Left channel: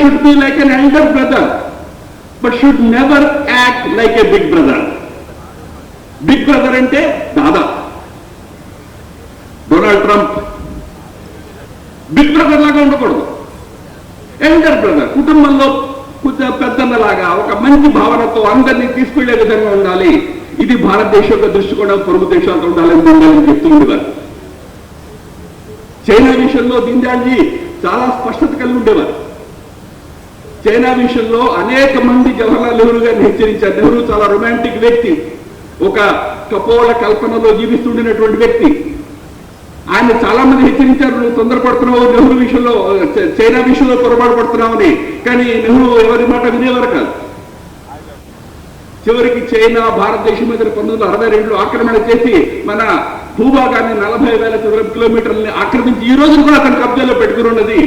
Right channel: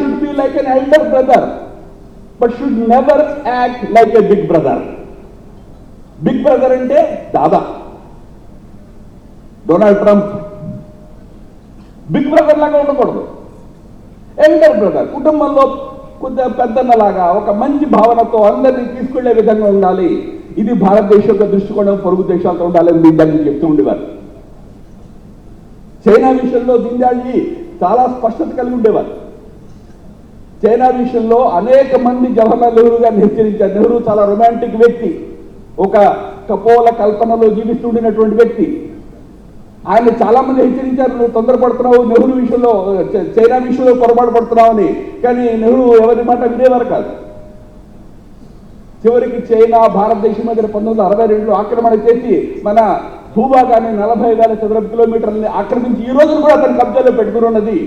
should be like an elder brother, but should never act like a big brother. Big brother ante dada. Donald Trump big brother లాగా ఉండకూడదు. Elder brother, కుటుంబంలో పెద్దన్నలాగా ఒక మంచి భావనతో అందరినీ తీసుకునే విధంగా ఉండాలి. ఇది భారతదేశ యొక్క దృష్టికోణం పొరుగు దేశాలతో ఉండాలని దీనిని చెప్తుండేవారు. చైనా విషయంలో దీనిజీ చాలా స్పష్టత కలిగి ఉండేవారు. చైనా విషయంలో అనేక మంది జవహర్లాల్ నెహ్రూ గారిని హెచ్చరించారు. నెహ్రూ చాలా రొమాంటిక్ వ్యక్తి, ఒక కపోల కల్పనలో జీవిస్తుండేటువంటి వ్యక్తి. ఆయన చాలా మంది హెచ్చరించారు, నువ్వు తొందరపడుతున్నావు, నెహ్రూ విషయంలో చైనా విషయంలో పొరపాటు పడుతున్నావు అని. కానీ నెహ్రూ ఎవరి మాట వినేవారు కాదు. చివరికి చైనా భారతదేశం మీద 1962 ఆక్రమణ చేసి మన భూభాగాన్ని 40,000 చదరపు కిలోమీటర్లని ఆక్రమించి ఈ రోజు కూడా అతను కబ్జాలో పెట్టుకుని ఉన్నది.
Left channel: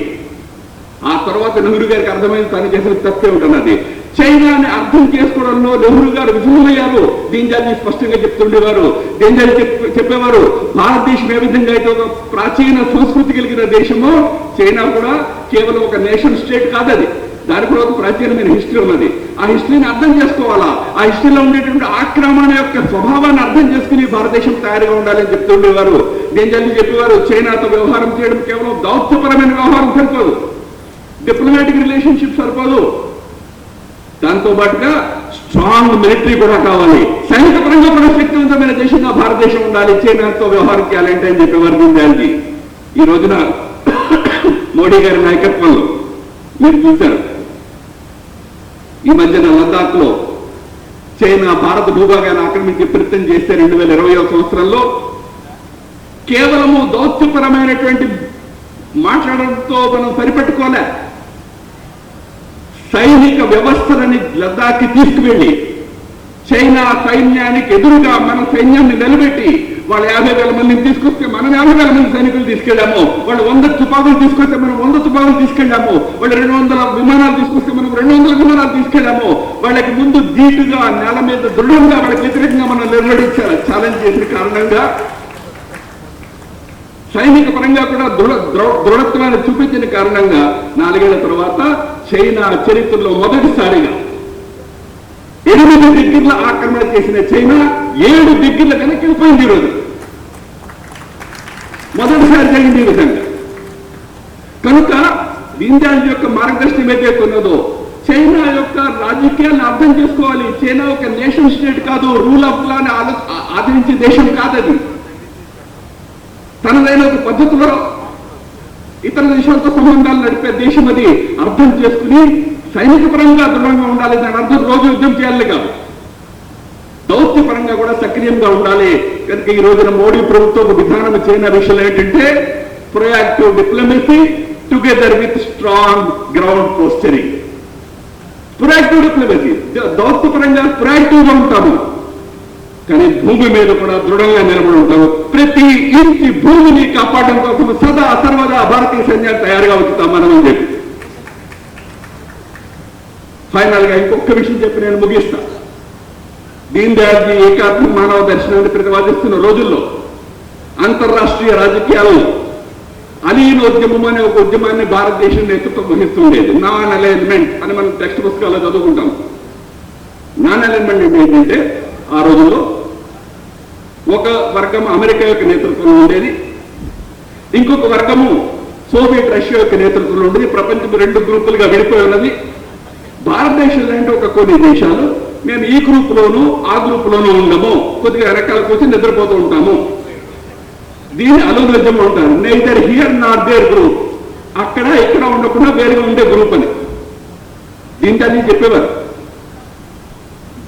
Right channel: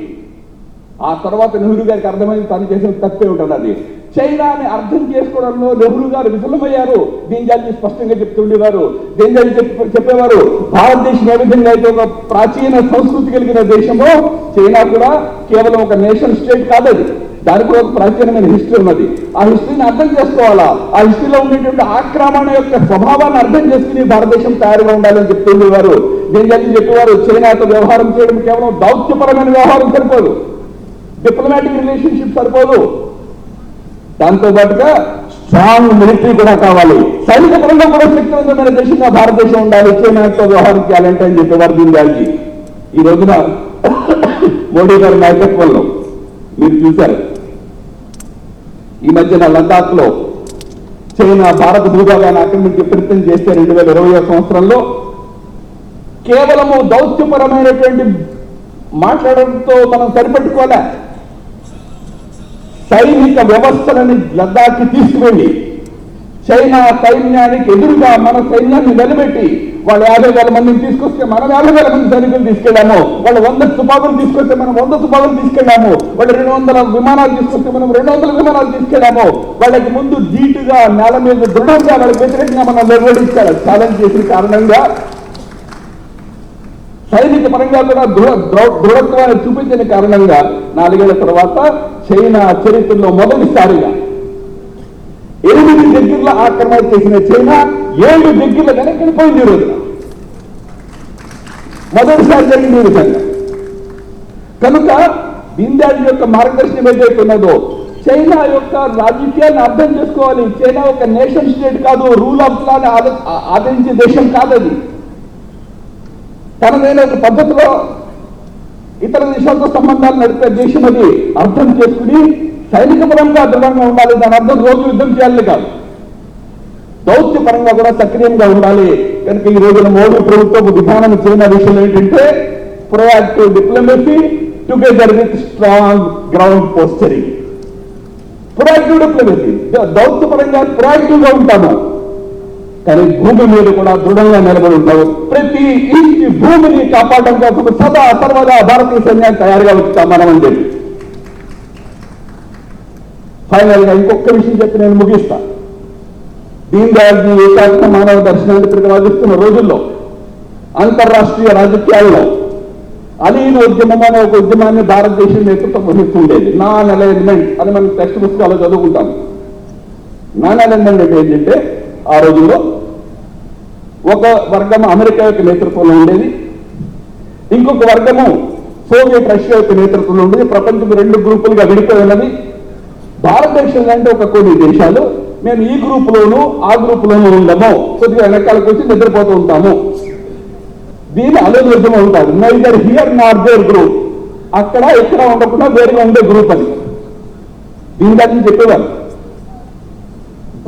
ఆ తర్వాత నెహ్రూ గారికి అర్థమైంది తను చేసేది తప్పే ఉంటున్నది. చైనాని అర్థం చేసుకోవడంలో నెహ్రూ గారు విఫలమయ్యారు. దీనిజీ స్పష్టంగా చెప్తుండేవారు. దీనిజీ చెప్పేవారు, భారతదేశం ఏ విధంగా అయితే ఒక ప్రాచీన సంస్కృతి కలిగిన దేశమో, చైనా కూడా కేవలం ఒక నేషన్ స్టేట్ కాదది, దానికి కూడా ఒక ప్రాచీనమైన హిస్టరీ ఉన్నది. ఆ హిస్టరీని అర్థం చేసుకోవాలా. ఆ హిస్టరీలో ఉండేటువంటి ఆక్రమణ యొక్క స్వభావాన్ని అర్థం చేసుకుని భారతదేశం తయారుగా ఉండాలని చెప్తుండేవారు. దీనిజీ చెప్పేవారు, చైనాతో వ్యవహారం చేయడం కేవలం దౌత్యపరమైన వ్యవహారం సరిపోదు, డిప్లొమాటిక్ రిలేషన్షిప్ సరిపోదు, దాంతో పాటుగా స్ట్రాంగ్ మిలిటరీ కూడా కావాలి, సైనిక పరంగా కూడా శక్తివంతమైన దేశంగా భారతదేశం ఉండాలి, చైనాతో వ్యవహారం చేయాలంటే అని చెప్పేవారు దీనిజీ. ఈ రోజున మోడీ గారి నాయకత్వంలో మీరు చూశారు, ఈ మధ్యన లద్దాఖ్ లో చైనా భారత భూభాగాన్ని ఆక్రమించి ప్రయత్నం చేస్తే 2020వ సంవత్సరంలో కేవలము దౌత్యపరమైనటువంటి మాట్లాడడంతో మనం సరిపెట్టుకోలే. సైనిక వ్యవస్థలని లద్దాఖ్ తీసుకువెళ్ళి చైనా సైన్యానికి ఎదురుగా మన సైన్యాన్ని నిలబెట్టి వాళ్ళు 50,000 మందిని తీసుకొస్తే మనం 50,000 మంది సైనికులు తీసుకెళ్లాము. వాళ్ళు 100 తుపాకులు తీసుకొస్తే మనం 100 తుపాకులు తీసుకెళ్లాము. వాళ్ళు 200 విమానాలు తీసుకొస్తే మనం 200 విమానాలు తీసుకెళ్లాము. వాళ్ళకి ముందు ధీటుగా నేల మీద దృఢంగా వాళ్ళకి వ్యతిరేకంగా మనం నిర్వహించాలి. ఛాలెంజ్ చేసిన కారణంగా సైనిక పరంగా కూడా దృఢత్వాన్ని చూపించిన కారణంగా 4 ఏళ్ల తర్వాత చైనా చరిత్రలో మొదటిసారిగా 8 దగ్గరలో ఆక్రమణ చేసిన చైనా 7 దగ్గర వెనక్కిపోయింది. రోజు మొదటిసారి జరిగింది ఈ విధంగా. కనుక దీనిజీ యొక్క మార్గదర్శనం ఏదైతే ఉన్నదో, చైనా యొక్క రాజకీయాలను అర్థం చేసుకోవాలి. చైనా ఒక నేషన్ స్టేట్ కాదు, రూల్ ఆఫ్ లా ఆదరించే దేశం కాదని, తనదైన ఒక పద్ధతిలో ఇతర దేశాలతో సంబంధాలు నడిపే దేశం అది అర్థం చేసుకుని సైనిక పరంగా దృఢంగా ఉండాలి. దాని అర్థం రోజు యుద్ధం చేయాలి కాదు, దౌత్య పరంగా కూడా సక్రియంగా ఉండాలి. కనుక ఈ రోజున మోడీ ప్రభుత్వ విధానం చైనా విషయంలో ఏంటంటే proactive diplomacy together with strong ground posturing. Proactive diplomacy, దౌత్య పరంగా ప్రొయాక్టివ్ గా ఉంటాము, కానీ భూమి మీద కూడా దృఢంగా నిలబడి ఉంటాము. ప్రతి ఇంటి భూమిని కాపాడడం కోసం సదా సర్వదా భారతీయ సైన్యాన్ని తయారుగా ఉంచుతామని చెప్పి ఫైనల్ గా ఇంకొక విషయం చెప్పి నేను ముగిస్తా. దీనిజీ ఏకాత్మ మానవ దర్శనాన్ని ప్రతిపాదిస్తున్న రోజుల్లో అంతర్రాష్ట్రీయ రాజకీయాల్లో అలీన ఉద్యమం అనే ఒక ఉద్యమాన్ని భారతదేశం నేతృత్వం వహిస్తుండేది. నాన్ అలైన్మెంట్ అని మనం టెక్స్ట్ పుస్తకాల్లో చదువుకుంటాము. నాన్ అలైన్మెంట్ అంటే ఏంటంటే, ఆ రోజుల్లో ఒక వర్గం అమెరికా యొక్క నేతృత్వంలో ఉండేది, ఇంకొక వర్గము సోవియట్ రష్యా యొక్క నేతృత్వంలో ఉండేది. ప్రపంచం 2 గ్రూపులుగా విడిపోయినది. భారతదేశంలో అంటే ఒక కొన్ని దేశాలు మేము ఈ గ్రూప్ లోను ఆ గ్రూప్ లోను ఉండము, కొద్దిగా వెనకాలకు వచ్చి నిద్రపోతూ ఉంటాము, దీన్ని అలోగ్యం ఉంటారు. Neither here not there group, అక్కడ ఎక్కడ ఉండకుండా వేరుగా ఉండే గ్రూప్ అని దీనిజీ చెప్పేవారు.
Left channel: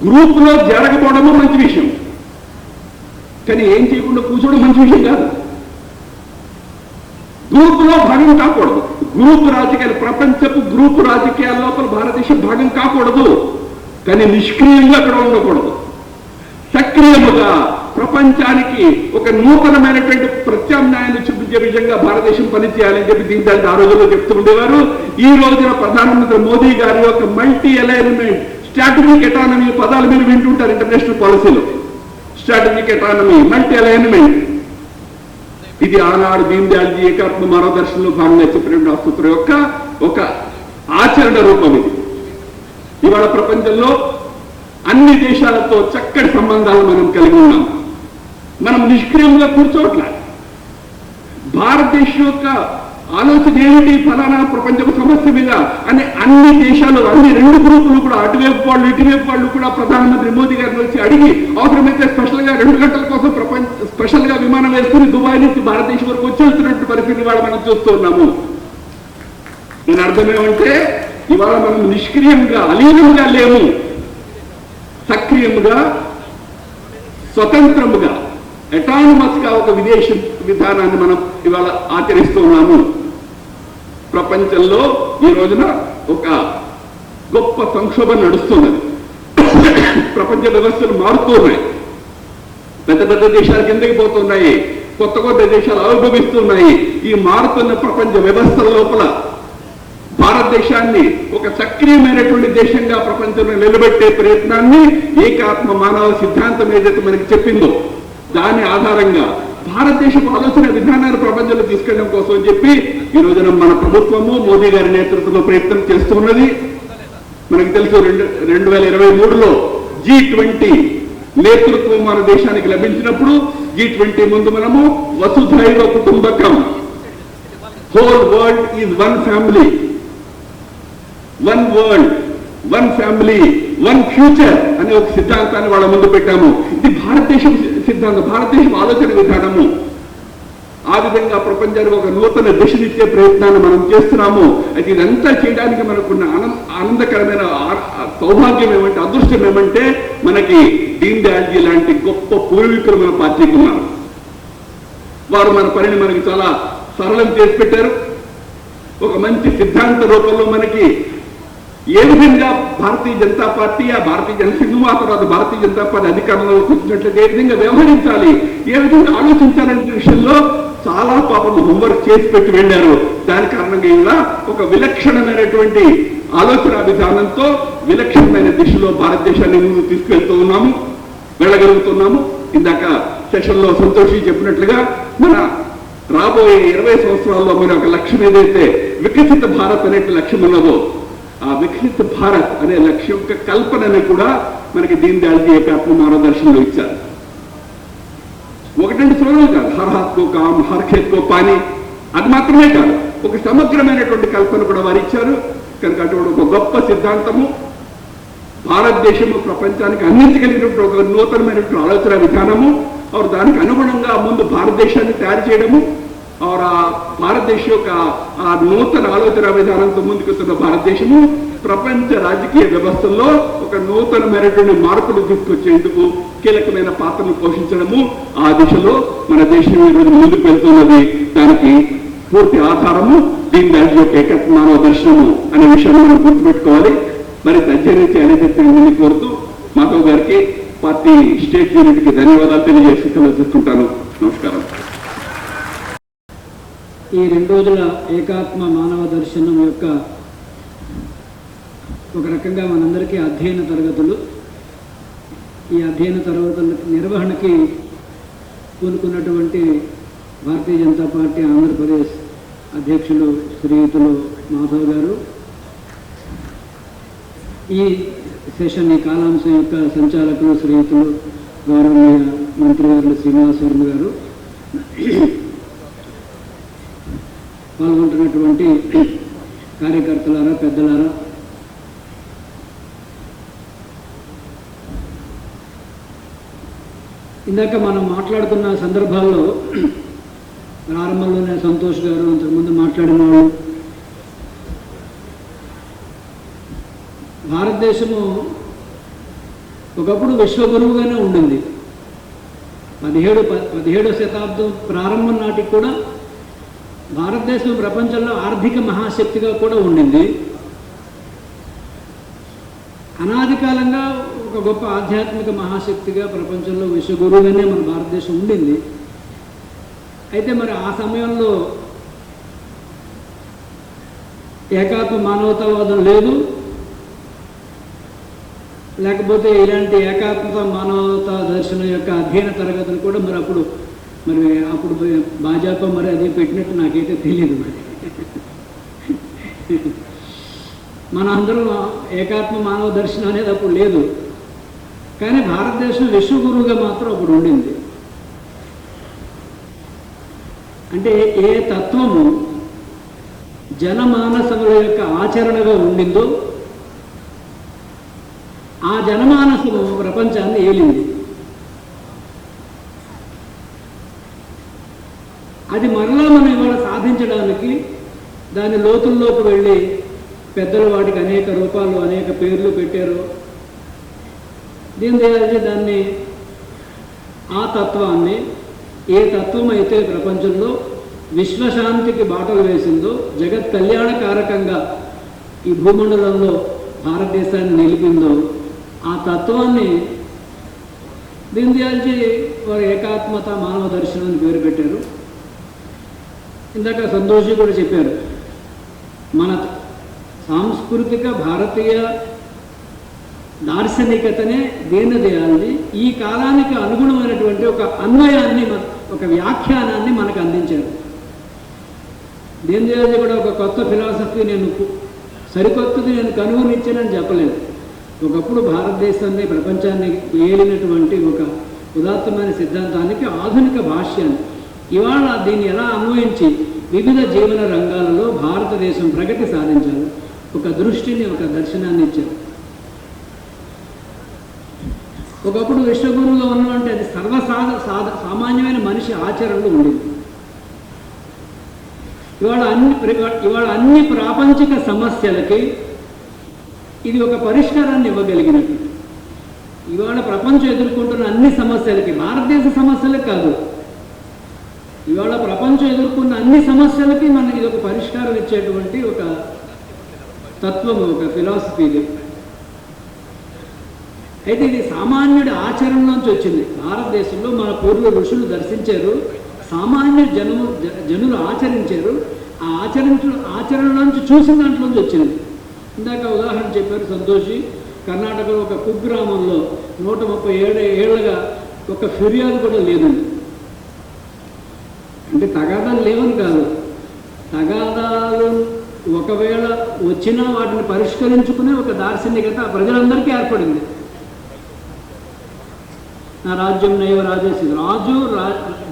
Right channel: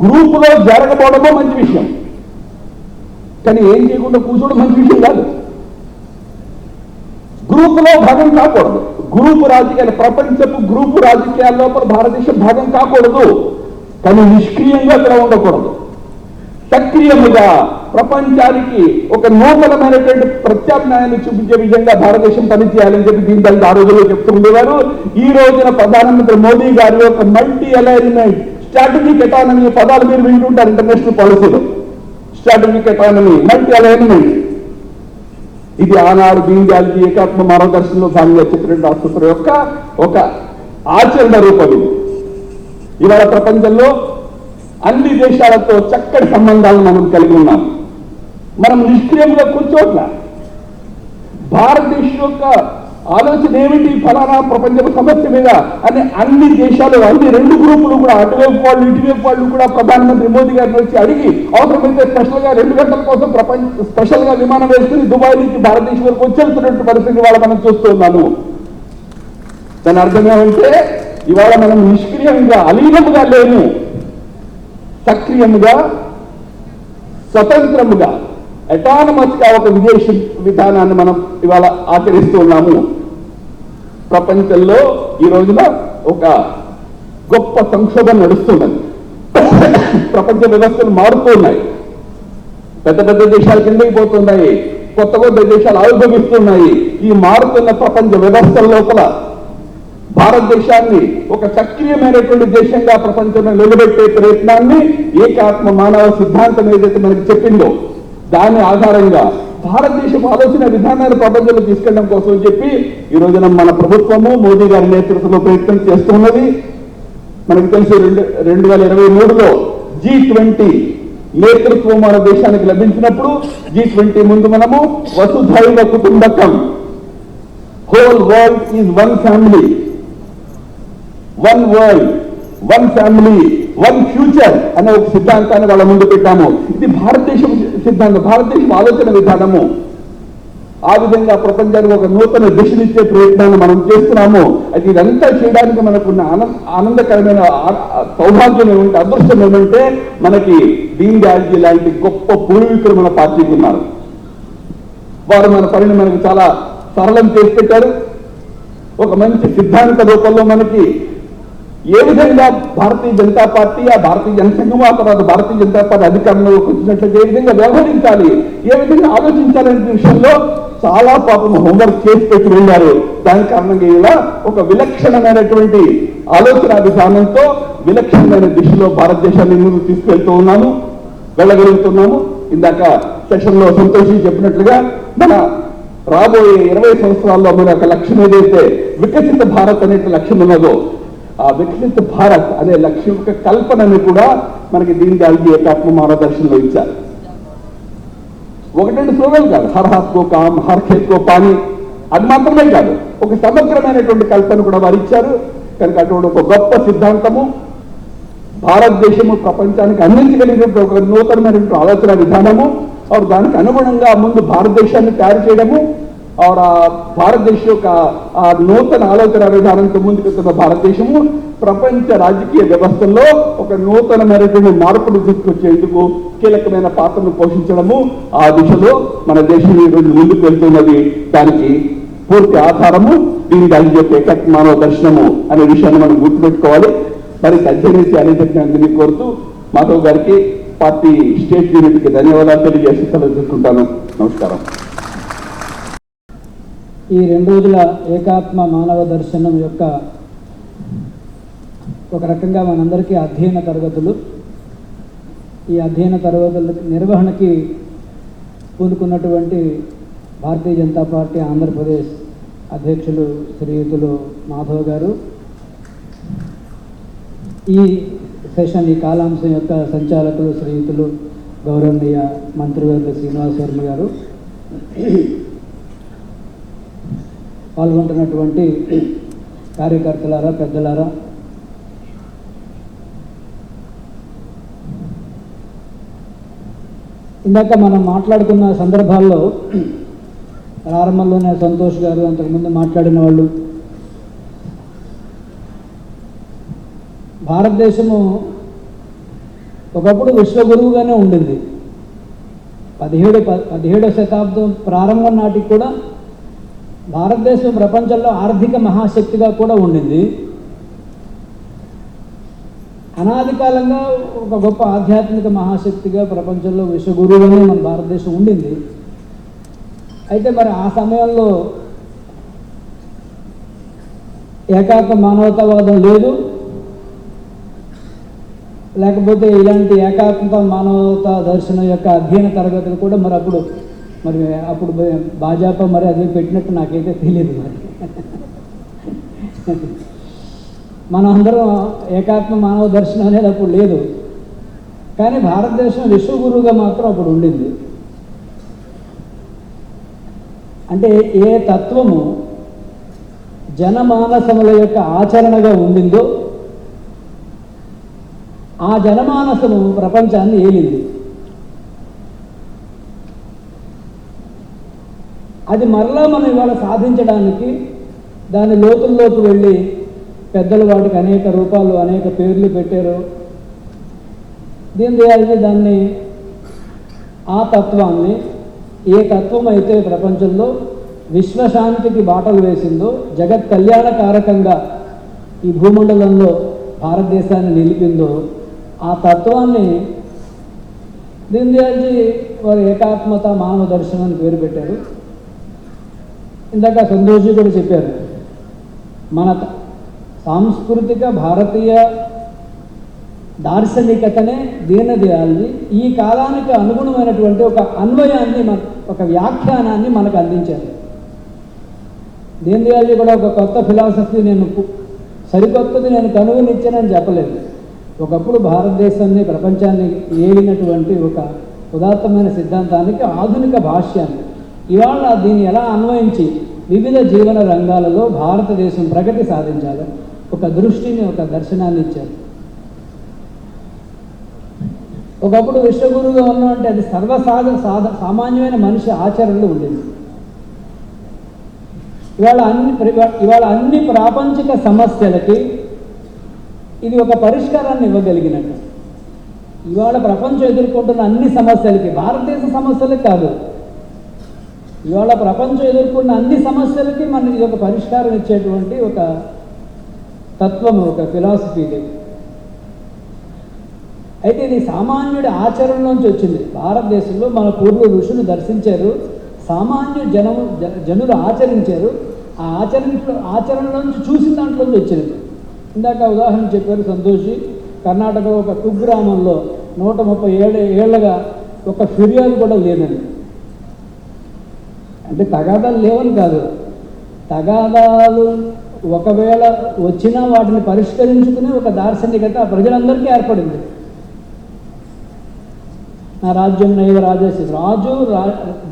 గ్రూప్ లో జరగకపోవడమో మంచి విషయం, కానీ ఏం చేయకుండా కూర్చోవడం మంచి విషయం కాదు. గ్రూప్ లో భాగం కాకూడదు. గ్రూప్ రాజకీయాలు, ప్రపంచపు గ్రూప్ రాజకీయాల లోపల భారతదేశం భాగం కాకూడదు, కానీ నిష్క్రియంగా అక్కడ ఉండకూడదు. సక్రియంగా ప్రపంచానికి ఒక నూతనమైనటువంటి ప్రత్యామ్నాయాన్ని చూపించే విధంగా భారతదేశం పనిచేయాలని చెప్పి దీనిపై ఆ రోజుల్లో చెప్తూ ఉండేవారు. ఈ రోజున ప్రధానమంత్రి మోదీ గారి యొక్క మల్టీ అలైన్మెంట్, స్ట్రాటజిక్ ఎకానమీ పదాలు మీరు వింటుంటారు ఇంటర్నేషనల్ పాలసీలో. స్ట్రాటజిక్ ఎకానమీ, మల్టీ అలైన్మెంట్, ఇది ఆనాడు దీనిజీ ఏకాత్మ మానవ దర్శనంలో భాగంగా చెప్పినటువంటి ఆసుపత్రి యొక్క ఒక ఆచరణ రూపం ఇది. ఇవాళ ప్రపంచంలో అన్ని దేశాలతో చక్కటి సంబంధాలు మనం కలిగి ఉన్నాం. మనం నిష్క్రియంగా కూర్చోట్ల. భారతదేశం యొక్క ఆలోచన ఏమిటి, ఫలానా ప్రపంచ సమస్య మీద అని అన్ని దేశాలు, అన్ని రెండు గ్రూపులు కూడా, అటువైపు వాళ్ళు ఇటువైపు వాళ్ళు కూడా ప్రధానమంత్రి మోదీ గారిని వచ్చి అడిగి అవసరమైతే స్పెషల్ గా 2 గంటల కోసం స్పెషల్ గా విమానం వేసుకుని దుబాయ్ నుంచి భారతదేశం వరకు వచ్చేస్తున్నట్టు పరిస్థితి ఇవాళ మనం చూస్తున్నాము. దాని అర్థంగా ఉంటే ఇవాళ మనం నిష్క్రియంగా అలీనంగా లేము, సక్రియంగా స్వతంత్రముగా అటానమస్ గా ఒక విదేశీ విధానాన్ని మనం ఇవాళ ఆచరిస్తూ ఉన్నాము. ప్రపంచంలో ఈ రోజున ఒక గొప్ప సంక్షోభం నడుస్తున్నది. ప్రపంచ వ్యవస్థలు మారుతున్నాయి. పెద్ద పెద్ద దేశాలు కిందకి పోతున్నాయి, కొత్త కొత్త దేశాలు ఆవిర్భవిస్తున్నాయి. ఈ మారుతున్న ప్రపంచ వ్యవస్థల లోపల భారతదేశాన్ని ఒక సక్రియమైనటువంటి దేశంగా ప్రపంచంలో నిలబెట్టే ప్రయత్నాన్ని ఏకాత్మ మానవ సిద్ధాంతం ఏదైతే మనకి చెప్పిందో దాని ఆధారంగా భారతదేశం ఆలోచన విధానాలు ప్రపంచంలో తీసుకెళ్ళడం కోసం చెప్పి ఈ రోజున మన ప్రభుత్వము మోదీ గారి నేతృత్వంలో ప్రయత్నం చేస్తున్నది. మనకు తెలుసు 2023లో G20 నేతృత్వం మన దేశానికి లభించినప్పుడు G20 ముందు మనము వసుధైవ కుటుంబకం, whole world is one family, one world, one family, one future అనే ఒక సిద్ధాంతాన్ని వాళ్ళ ముందు పెట్టాము. ఇది భారతదేశం సిద్ధాంతం, భారతదేశం ఆలోచన విధానము. ఆ విధంగా ప్రపంచానికి ఒక నూతన దిశనిచ్చే ప్రయత్నాన్ని మనం చేస్తున్నాము. అయితే ఇదంతా చేయడానికి మనకున్న ఆనందకరమైన సౌభాగ్యం ఏమంటే, అదృష్టం ఏమంటే, మనకి దీన్ దయాళ్ లాంటి గొప్ప పూర్వీకులు మన పార్టీకి ఉన్నారు. వారు మన పనిని మనకి చాలా సరళం చేసి పెట్టారు. ఒక మంచి సిద్ధాంత రూపంలో మనకి ఏ విధంగా భారతీయ జనతా పార్టీ, ఆ భారతీయ జనసంఘం, ఆ తర్వాత భారతీయ జనతా పార్టీ అధికారంలోకి వచ్చినట్టు ఏ విధంగా వ్యవహరించాలి, ఏ విధంగా ఆలోచించాలనే విషయంలో చాలా పాపం హోంవర్క్ చేసి పెట్టి వెళ్ళారు. దాని కారణంగా ఇలా ఒక విలక్షణమైనటువంటి ఆలోచన విధానంతో విలక్షణమైన దిశలో భారతదేశాన్ని ముందుకు తీసుకువెళ్తూ ఉన్నాము, వెళ్ళగలుగుతున్నాము. ఇందాక సెషన్ లో సంతోషి చెప్పినట్లుగా మన రాబోయే 20 సంవత్సరాల్లో మన ఒక లక్ష్యం ఏదైతే వికసిత భారత్ అనే లక్ష్యం ఉన్నదో, ఆ వికసిత భారత్ అనే లక్ష్యం యొక్క కల్పనని కూడా మనకి దీన్ దయాళ్ ఏకాత్మ మానవ దర్శనంలో ఇచ్చారు. ఒకటండి స్లోగన్ కాదు, హర్ హాత్ కో కామ్, హర్ ఖేత్ కో పానీ, అది మాత్రమే కాదు, ఒక సమగ్రమైనటువంటి కల్పన కూడా వారు ఇచ్చారు. కనుక అటువంటి ఒక గొప్ప సిద్ధాంతము భారతదేశము ప్రపంచానికి అందించగలిగినప్పుడు ఒక నూతనమైనటువంటి ఆలోచన విధానము, దానికి అనుగుణంగా ముందు భారతదేశాన్ని తయారు చేయడము, భారతదేశ యొక్క ఆ నూతన ఆలోచన విధానంతో ముందుకెళ్తున్న భారతదేశము ప్రపంచ రాజకీయ వ్యవస్థల్లో ఒక నూతనమైనటువంటి మార్పులు తీసుకొచ్చేందుకు కీలకమైన పాత్రను పోషించడము, ఆ దిశలో మన దేశం ఈరోజు ముందుకు వెళ్తున్నది. దానికి పూర్తి ఆధారము దీని దాని యొక్క ఏకత్వ మానవ దర్శనము అనే విషయాన్ని మనం గుర్తుపెట్టుకోవాలి. మరి అధ్యయనించి అనేక కోరుతూ మాధవ్ గారికి, పార్టీ స్టేట్ యూనిట్కి ధన్యవాదాలు తెలియజేసి తెలుసుకుంటాను. నమస్కారం. ఈ 2 రోజుల ఏకాత్మ మానవ దర్శనం యొక్క ఒక రకంగా మనందరికీ అధ్యయన తరగతులు. ఈ అధ్యయన తరగతుల నిర్వహణకి పూనుకున్నటువంటి భారతీయ జనతా పార్టీ ఆంధ్రప్రదేశ్ అధ్యక్షులు శ్రీయుతులు మాధవ్ గారు, ఈ సెషన్ ఈ కాలాంశం యొక్క సంచాలకులు శ్రీయుతులు గౌరవనీయ మంత్రివర్యులు శ్రీనివాసవర్మ గారు, పాల్గొంటున్నటువంటి కార్యకర్తలారా, పెద్దలారా, ఇందాక మనం మాట్లాడుతున్న సందర్భాల్లో ప్రారంభంలోనే సంతోష్ గారు, అంతకుముందు మాట్లాడిన వాళ్ళు, భారతదేశము ఒకప్పుడు విశ్వగురువుగానే ఉండింది. 17వ శతాబ్దం ప్రారంభం నాటికి కూడా భారతదేశం ప్రపంచంలో ఆర్థిక మహాశక్తిగా కూడా ఉండింది. అనాది కాలంగా ఒక గొప్ప ఆధ్యాత్మిక మహాశక్తిగా ప్రపంచంలో విశ్వగురువుగానే మన భారతదేశం ఉండింది. అయితే మరి ఆ సమయంలో ఏకాత్మ మానవతావాదం లేదు, లేకపోతే ఇలాంటి ఏకాత్మత మానవతా దర్శనం యొక్క అధ్యయన తరగతులు కూడా మరి అప్పుడు భాజపా మరి అదే పెట్టినట్టు నాకైతే తెలియదు. మరి మన అందరం ఏకాత్మ మానవ దర్శనం అనేది అప్పుడు లేదు. కానీ భారతదేశం విశ్వగురువుగా మాత్రం అప్పుడు ఉండింది. అంటే ఏ తత్వము జనమానసముల యొక్క ఆచరణగా ఉండిందో ఆ జనమానసము ప్రపంచాన్ని ఏలింది. అది మరలా మనం ఇవాళ సాధించడానికి దాని లోతుల్లోకి వెళ్ళి పెద్దలు వాటికి అనేక రూపాలు అనేక పేర్లు పెట్టారు. దీని చేయాలంటే దాన్ని ఆ తత్వాన్ని ఏ తత్వం అయితే ప్రపంచంలో విశ్వశాంతికి బాటలు వేసిందో, జగత్ కళ్యాణకారకంగా ఈ భూమండలంలో భారతదేశాన్ని నిలిపిందో ఆ తత్వాన్ని దీని చేసి వారు ఏకాత్మత మానవ దర్శనం పేరు పెట్టారు. ఇందాక సంతోషి కూడా చెప్పారు, మన సాంస్కృతిక భారతీయ దార్శనికతనే దీనదయాళుడి ఈ కాలానికి అనుగుణమైనటువంటి ఒక అన్వయాన్ని ఒక వ్యాఖ్యానాన్ని మనకు అందించారు. దీనదయాళుడి కూడా ఒక కొత్త ఫిలాసఫీ సరికొత్తది నేను కనుగొనిచ్చానని చెప్పలేదు. ఒకప్పుడు భారతదేశాన్ని ప్రపంచాన్ని ఏలినటువంటి ఒక ఉదాత్తమైన సిద్ధాంతానికి ఆధునిక భాష్యాన్ని ఇవాళ దీన్ని ఎలా అన్వయించి వివిధ జీవన రంగాలలో భారతదేశం ప్రగతి సాధించాలి ఒక దృష్టిని ఒక దర్శనాన్ని ఇచ్చారు. ఒకప్పుడు విశ్వగురువుగా ఉన్నవంటే అది సామాన్యమైన మనిషి ఆచరణలో ఉండింది. ఇవాళ అన్ని ప్రాపంచిక సమస్యలకి ఇది ఒక పరిష్కారాన్ని ఇవ్వగలిగినట్టు. ఇవాళ ప్రపంచం ఎదుర్కొంటున్న అన్ని సమస్యలకి, భారతదేశ సమస్యలకు కాదు, ఇవాళ ప్రపంచం ఎదుర్కొన్న అన్ని సమస్యలకి మనం ఇది ఒక పరిష్కారం ఇచ్చేటువంటి ఒక తత్వము, ఒక ఫిలాసఫీ ఇది. అయితే ఇది సామాన్యుడి ఆచరణ నుంచి వచ్చింది. భారతదేశంలో మన పూర్వ ఋషులు దర్శించారు, సామాన్య జనులు ఆచరించారు. ఆ ఆచరణ నుంచి చూసిన దాంట్లో వచ్చింది. ఇందాక ఉదాహరణ చెప్పారు సంతోషి, కర్ణాటకలో ఒక కుగ్రామంలో 137 ఏళ్లగా ఒక ఫిర్యాదు కూడా లేదండి. అంటే తగాదాలు లేవని కాదు, తగాదాలు ఒకవేళ వచ్చినా వాటిని పరిష్కరించుకునే ఒక దార్శనికత ప్రజలందరికీ ఏర్పడింది. నా రాజ్యం నైవ రాజేసి, రాజు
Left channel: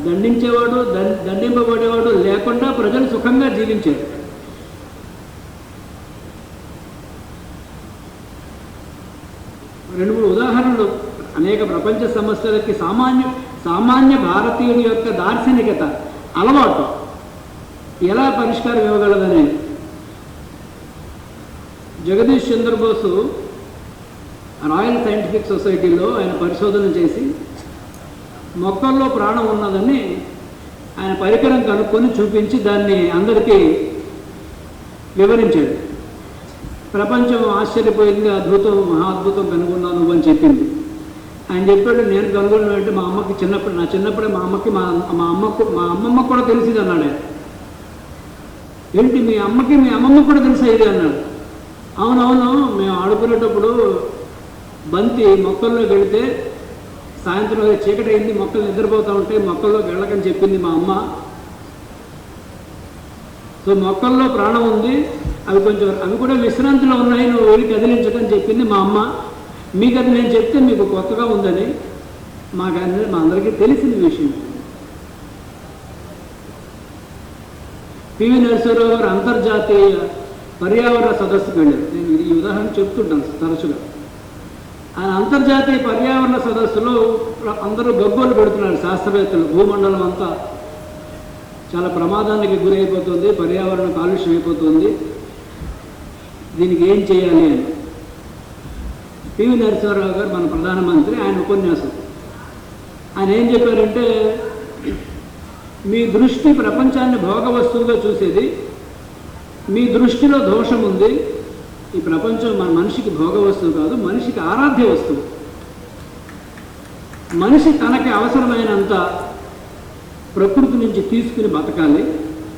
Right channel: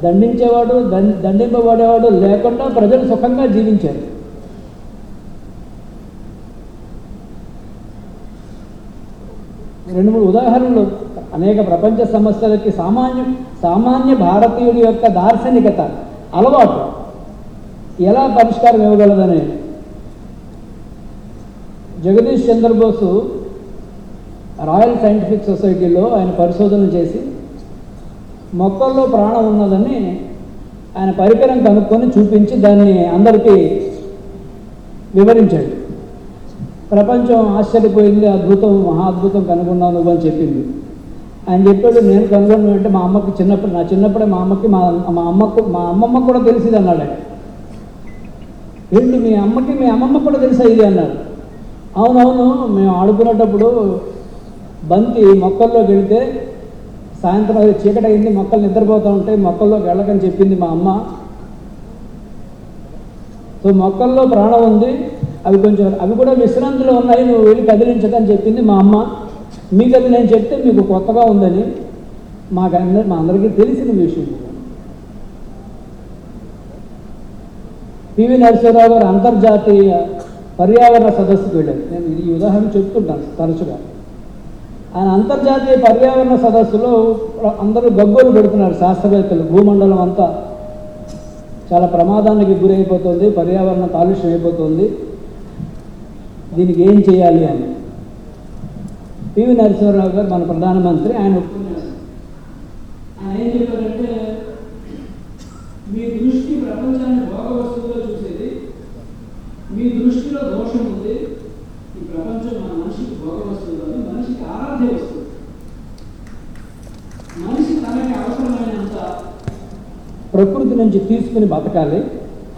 దండించేవాడు దండింపబడేవాడు లేకుండా ప్రజలు సుఖంగా జీవించారు. రెండు మూడు ఉదాహరణలు అనేక ప్రపంచ సమస్యలకి సామాన్య భారతీయుల యొక్క దార్శనికత అలవాటు ఎలా పరిష్కారం ఇవ్వగలదనే. జగదీష్ చంద్రబోసు రాయల్ సైంటిఫిక్ సొసైటీలో ఆయన పరిశోధన చేసి మొక్కల్లో ప్రాణం ఉన్నదని ఆయన పరికరం కనుక్కొని చూపించి దాన్ని అందరికీ వివరించాడు. ప్రపంచం ఆశ్చర్యపోయింది, అద్భుతం, మహా అద్భుతం కనుగొన్నాను అని చెప్పింది. ఆయన చెప్పాడు, నేను కనుగొన్న అంటే మా అమ్మకి నా చిన్నప్పుడే మా అమ్మమ్మ కూడా తెలిసింది అన్నాడు. ఏంటి మీ అమ్మమ్మ కూడా తెలిసా ఇది అన్నాడు. అవునవును, మేము ఆడుకునేటప్పుడు బంతి మొక్కల్లోకి వెళితే సాయంత్రం చీకటి అయింది, మొక్కలు నిద్రపోతూ ఉంటే మొక్కల్లోకి వెళ్ళకని చెప్పింది మా అమ్మ. సో మొక్కల్లో ప్రాణం ఉంది, అవి కూడా విశ్రాంతిలో ఉన్నాయి, నువ్వు వెళ్ళి కదిలించకని చెప్పింది మా అమ్మ. మీకు అది నేను చెప్తే మీకు కొత్తగా ఉందని మా అందరికీ తెలిసిన విషయం. పివి నరసింహరావు గారు అంతర్జాతీయ పర్యావరణ సదస్సుకు వెళ్ళారు. నేను ఈ ఉదాహరణ చెప్తుంటాను తరచుగా. ఆ అంతర్జాతీయ పర్యావరణ సదస్సులో అందరూ గగ్గోలు పెడుతున్నారు శాస్త్రవేత్తలు, భూమండలం అంతా చాలా ప్రమాదానికి గురైపోతుంది, పర్యావరణ కాలుష్యం అయిపోతుంది, దీనికి ఏం చేయాలి అని. పివి నరసింహరావు గారు మన ప్రధానమంత్రి, ఆయన ఉపన్యాసం ఆయన ఏం చెప్పారంటే, మీ దృష్టి ప్రపంచాన్ని భోగ వస్తువుగా చూసేది, మీ దృష్టిలో దోషం ఉంది. ఈ ప్రపంచం మన మనిషికి భోగ వస్తువు కాదు, మనిషికి ఆరాధ్య వస్తువు. మనిషి తనకి అవసరమైనంత ప్రకృతి నుంచి తీసుకుని బతకాలి,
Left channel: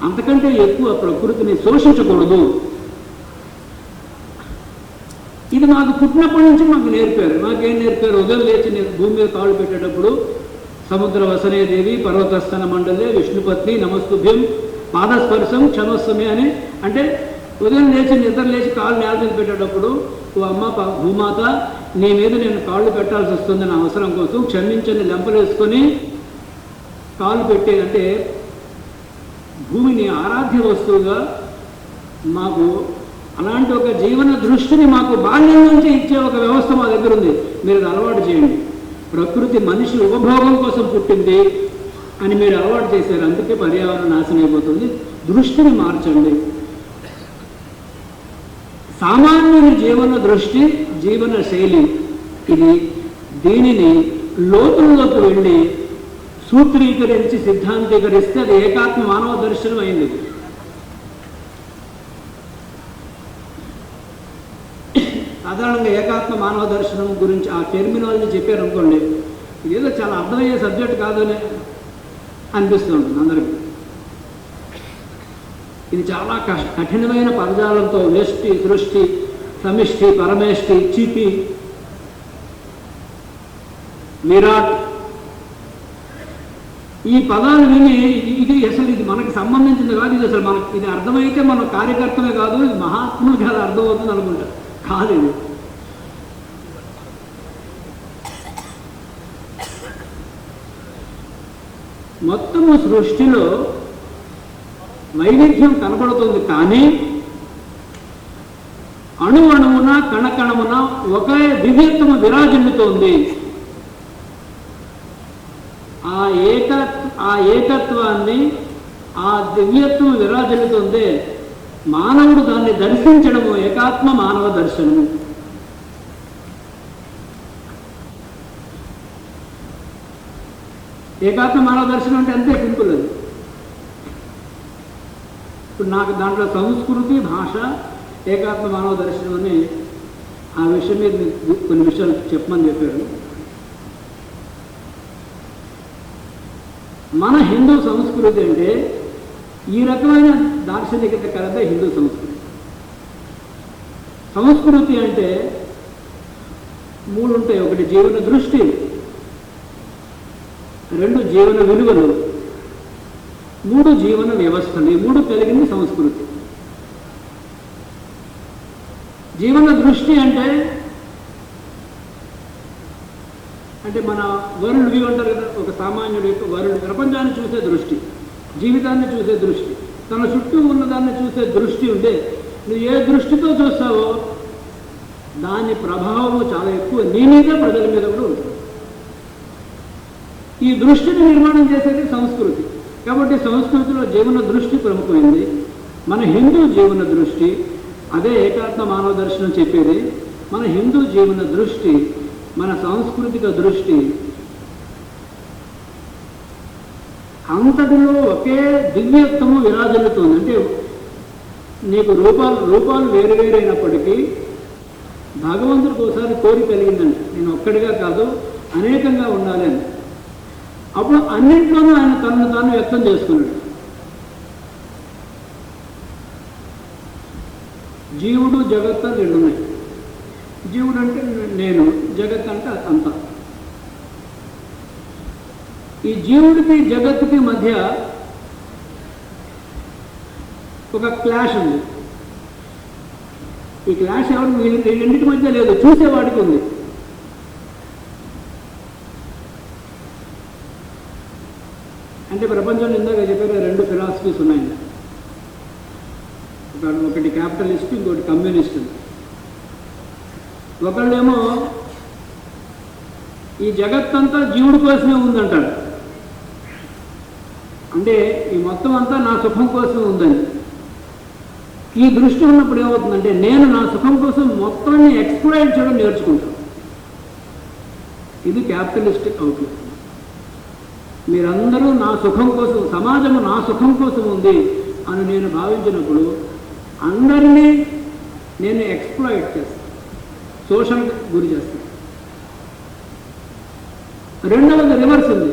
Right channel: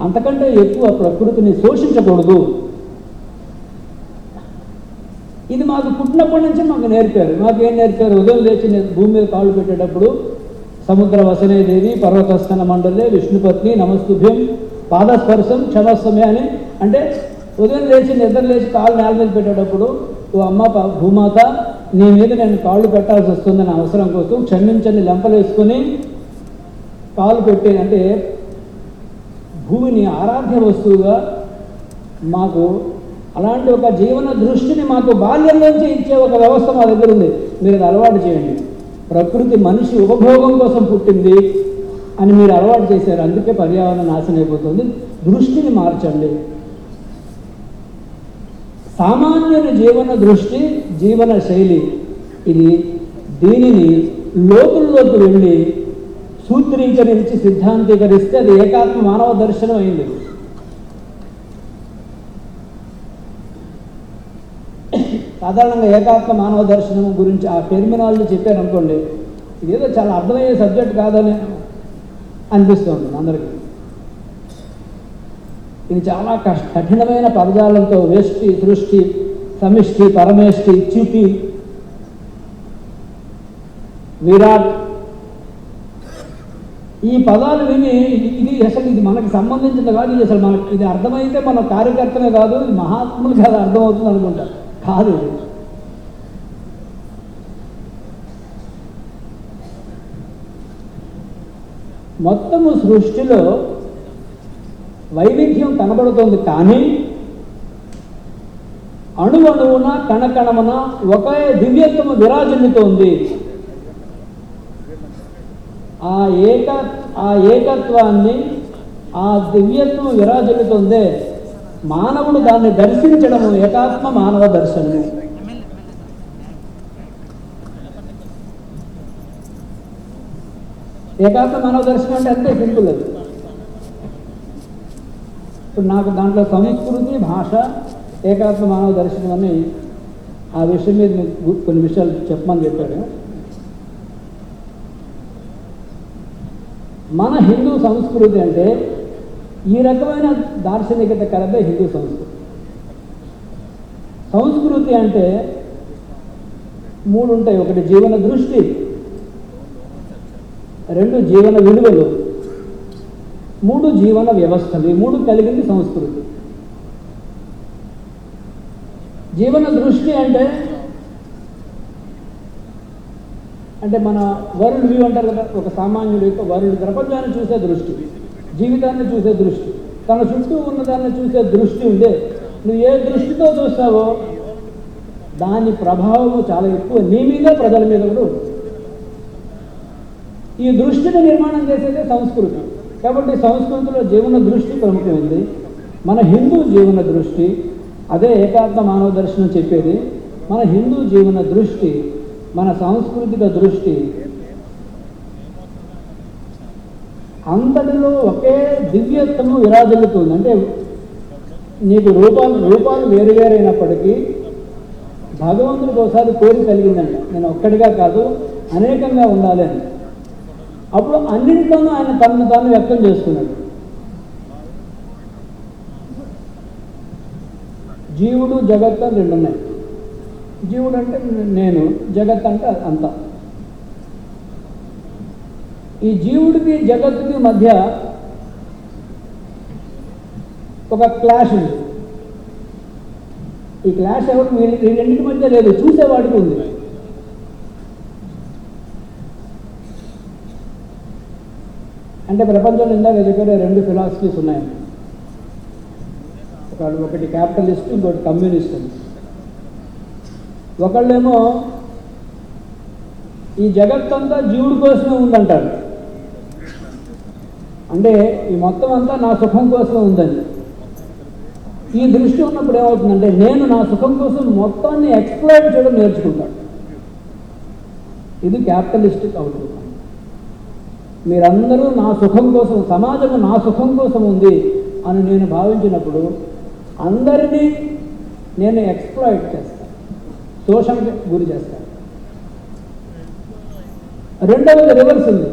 అంతకంటే ఎక్కువ ప్రకృతిని శోషించకూడదు. ఇది మాకు పుట్టినప్పటి నుంచి మాకు నేర్పారు. మాకేం నేర్పారు? ఉదయం లేచి నేను భూమి మీద కాళ్ళు పెట్టేటప్పుడు సముద్ర వసనేదేవి పర్వతస్థన మండలే విష్ణుపత్ని నమస్తుభ్యం పాదస్పర్శం క్షణోత్సమే అని, అంటే ఉదయం లేచి నిద్ర లేచి కాళ్ళు నేల మీద పెట్టేటప్పుడు, ఓ అమ్మ భూమాత, నీ మీద నేను కాళ్ళు పెట్టాల్సి వస్తుందని అవసరం కోసం క్షమించని లెంపలు వేసుకొని కాళ్ళు పెట్టి, అంటే భూమిని ఆరాధ్య వస్తువుగా మాకు అలాంటి ఒక జీవన దృష్టిని మాకు బాల్యం నుంచి ఇచ్చే ఒక వ్యవస్థ మా దగ్గర ఉంది. మీరు అలవాటు చేయండి. ప్రకృతి మనిషి ఉపభోగం కోసం పుట్టింది అని మీరు అలవాటు చేశారు, అందుకే పర్యావరణం నాశనం అయిపోతుంది. దృష్టిని మార్చండి. సామాన్యుని జీవన దృష్టి, జీవన శైలి ఇది. దీనిని లోతుల్లోకి వెళ్ళి సూత్రీకరించి సిద్ధాంతీకరిస్తే అది ఏకాత్మ మానవ దర్శనం అయింది. సాధారణంగా ఏకాత్మ మానవ దర్శనం గురించి ఆ టెర్మినాలజీ చెప్పారనుకోండి, ఏదో చాలా అర్థమయ్యే సబ్జెక్ట్ కాదని అనిపిస్తూ ఉంటుంది అందరికీ. ఇది చాలా కఠినమైన పదజాలంతో వ్యష్టి, సృష్టి, సమిష్టి, పరమేష్టి, చితి, విరాట్, ఈ పదాలు విని ఇది అసలు ఇది మనకి సంబంధించింది కాదు, ఇది అసలు మనకి ఇది అర్థమైతే మన కార్యకర్తమే కాదు, ఇది మహాత్ములు చాలా అర్థమవుతుంది అనుకుంటారు. కాదు, ఇది మొత్తము సృష్టిలో వైవిధ్యం కనబడుతుంది, కానీ అణువణువున కణకణమున ఒకే దివ్యత్వము విరాజిల్లుతోంది. ఆ ఏకత్వాన్ని, ఆ దివ్యత్వము విరాజిల్లుతుందే మానవుడు దాన్ని దర్శించడము ఏకాత్మ మానవ దర్శనము. ఏకాత్మ మానవ దర్శనం అంటే అంతే సింపుల్. అది ఇప్పుడు నాకు దాంట్లో సంస్కృతి, భాష, ఏకాత్మ మానవ దర్శనం అని ఆ విషయం మీద మీకు కొన్ని విషయాలు చెప్పమని చెప్పాడు. మన హిందూ సంస్కృతి అంటే ఈ రకమైన దార్శనికత కలదే హిందూ సంస్కృతి. సంస్కృతి అంటే మూడు ఉంటాయి. ఒకటి జీవన దృష్టి, రెండు జీవన విలువలు, మూడు జీవన వ్యవస్థలు. ఈ మూడు కలిగింది సంస్కృతి. జీవన దృష్టి అంటే మన వరుణ్ వ్యూ అంటారు కదా, ఒక సామాన్యుడి వరుణ్ ప్రపంచాన్ని చూసే దృష్టి, జీవితాన్ని చూసే దృష్టి, తన చుట్టూ ఉన్నదాన్ని చూసే దృష్టి ఉండే. నువ్వు ఏ దృష్టితో చూస్తావో దాని ప్రభావము చాలా ఎక్కువ నీ మీద, ప్రజల మీద కూడా ఉంటుంది. ఈ దృష్టిని నిర్మాణం చేసేది సంస్కృతి. కాబట్టి సంస్కృతిలో జీవన దృష్టి ప్రముఖమైంది. మన హిందూ జీవన దృష్టి అదే ఏకాత్మ మానవ దర్శనం చెప్పేది. మన హిందూ జీవన దృష్టి, మన సాంస్కృతిక దృష్టి అంతటిలో ఒకే దివ్యత్వము విరాజిల్లుతుంది. అంటే నీకు రూపాలు వేరువేరైనప్పటికీ భగవంతుడికి ఒకసారి కోరి కలిగిందండి, నేను ఒక్కడిగా కాదు అనేకంగా ఉండాలి అని. అప్పుడు అన్నింటిలోనూ ఆయన తనను తాను వ్యక్తం చేసుకున్నాడు. జీవుడు, జగత్ అని రెండు ఉన్నాయి. జీవుడు అంటే నేను, జగత్ అంటే అంతా. ఈ జీవుడికి జగత్తుకి మధ్య ఒక క్లాష్ ఉంది. ఈ క్లాష్ ఎవరు రెండింటి మధ్య లేదు, చూసేవాడికి ఉంది. అంటే ప్రపంచంలో ఇందాక చెప్పిన రెండు ఫిలాసఫీస్ ఉన్నాయండి. ఒకటి క్యాపిటలిస్ట్, ఇంకోటి కమ్యూనిస్ట్. ఒకళ్ళేమో ఈ జగత్తంతా జీవుడి కోసమే ఉందంటాడు, అంటే ఈ మొత్తం అంతా నా సుఖం కోసమే ఉందని. ఈ దృష్టి ఉన్నప్పుడు ఏమవుతుందంటే నేను నా సుఖం కోసం మొత్తాన్ని ఎక్స్ప్లాయిట్ చేయడం నేర్చుకుంటాను. ఇది క్యాపిటలిస్టిక్ అవుట్లుక్. మీరందరూ నా సుఖం కోసం, సమాజము నా సుఖం కోసం ఉంది అని నేను భావించినప్పుడు అందరినీ నేను ఎక్స్ప్లాయిట్ చేస్తాను, శోషణకు గురి చేస్తాను. రెండవది రివర్స్ ఉంది.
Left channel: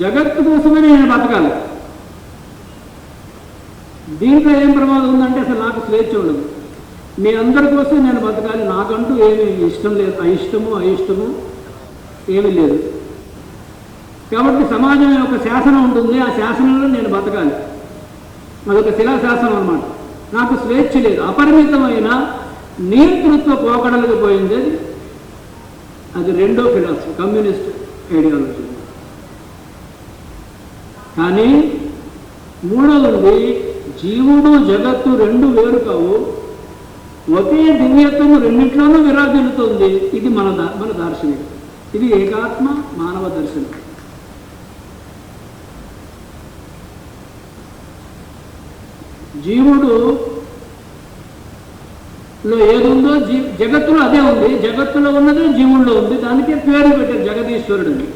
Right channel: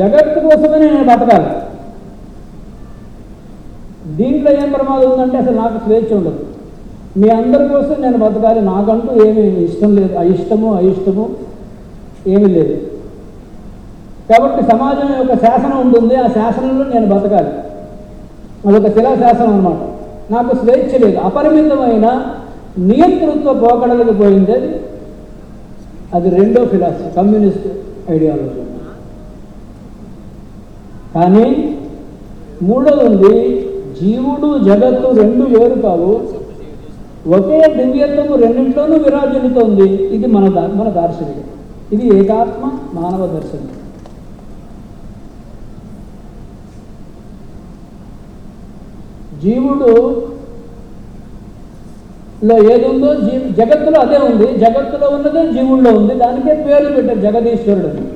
జగత్తు కోసమే నేను బతకాలి. దీంట్లో ఏం ప్రమాదం ఉందంటే అసలు నాకు స్వేచ్ఛ ఉండదు. మీ అందరి కోసం నేను బతకాలి, నాకంటూ ఏమి ఇష్టం లేదు, అయిష్టము ఏమీ లేదు. కాబట్టి సమాజం యొక్క శాసనం ఉంటుంది, ఆ శాసనంలో నేను బతకాలి. అదొక శిలాశాసనం అన్నమాట. నాకు స్వేచ్ఛ లేదు, అపరిమితమైన నియంతృత్వ పోకడలకు పోయింది. అది రెండో ఫిలాసఫీ, కమ్యూనిస్ట్ ఐడియాలజీ. కానీ మూడవది జీవుడు జగత్తు రెండు వేరు కావు, ఒకే దివ్యత్వము రెండింటిలోనూ విరాజిల్లుతోంది. ఇది మన దార్శనికం. ఇది ఏకాత్మ మానవ దర్శనం. జీవుడులో ఏదుందో జగత్తులో అదే ఉంది, జగత్తులో ఉన్నదే జీవుల్లో ఉంది. దానికే పేరు పెట్టారు జగదీశ్వరుడు అని.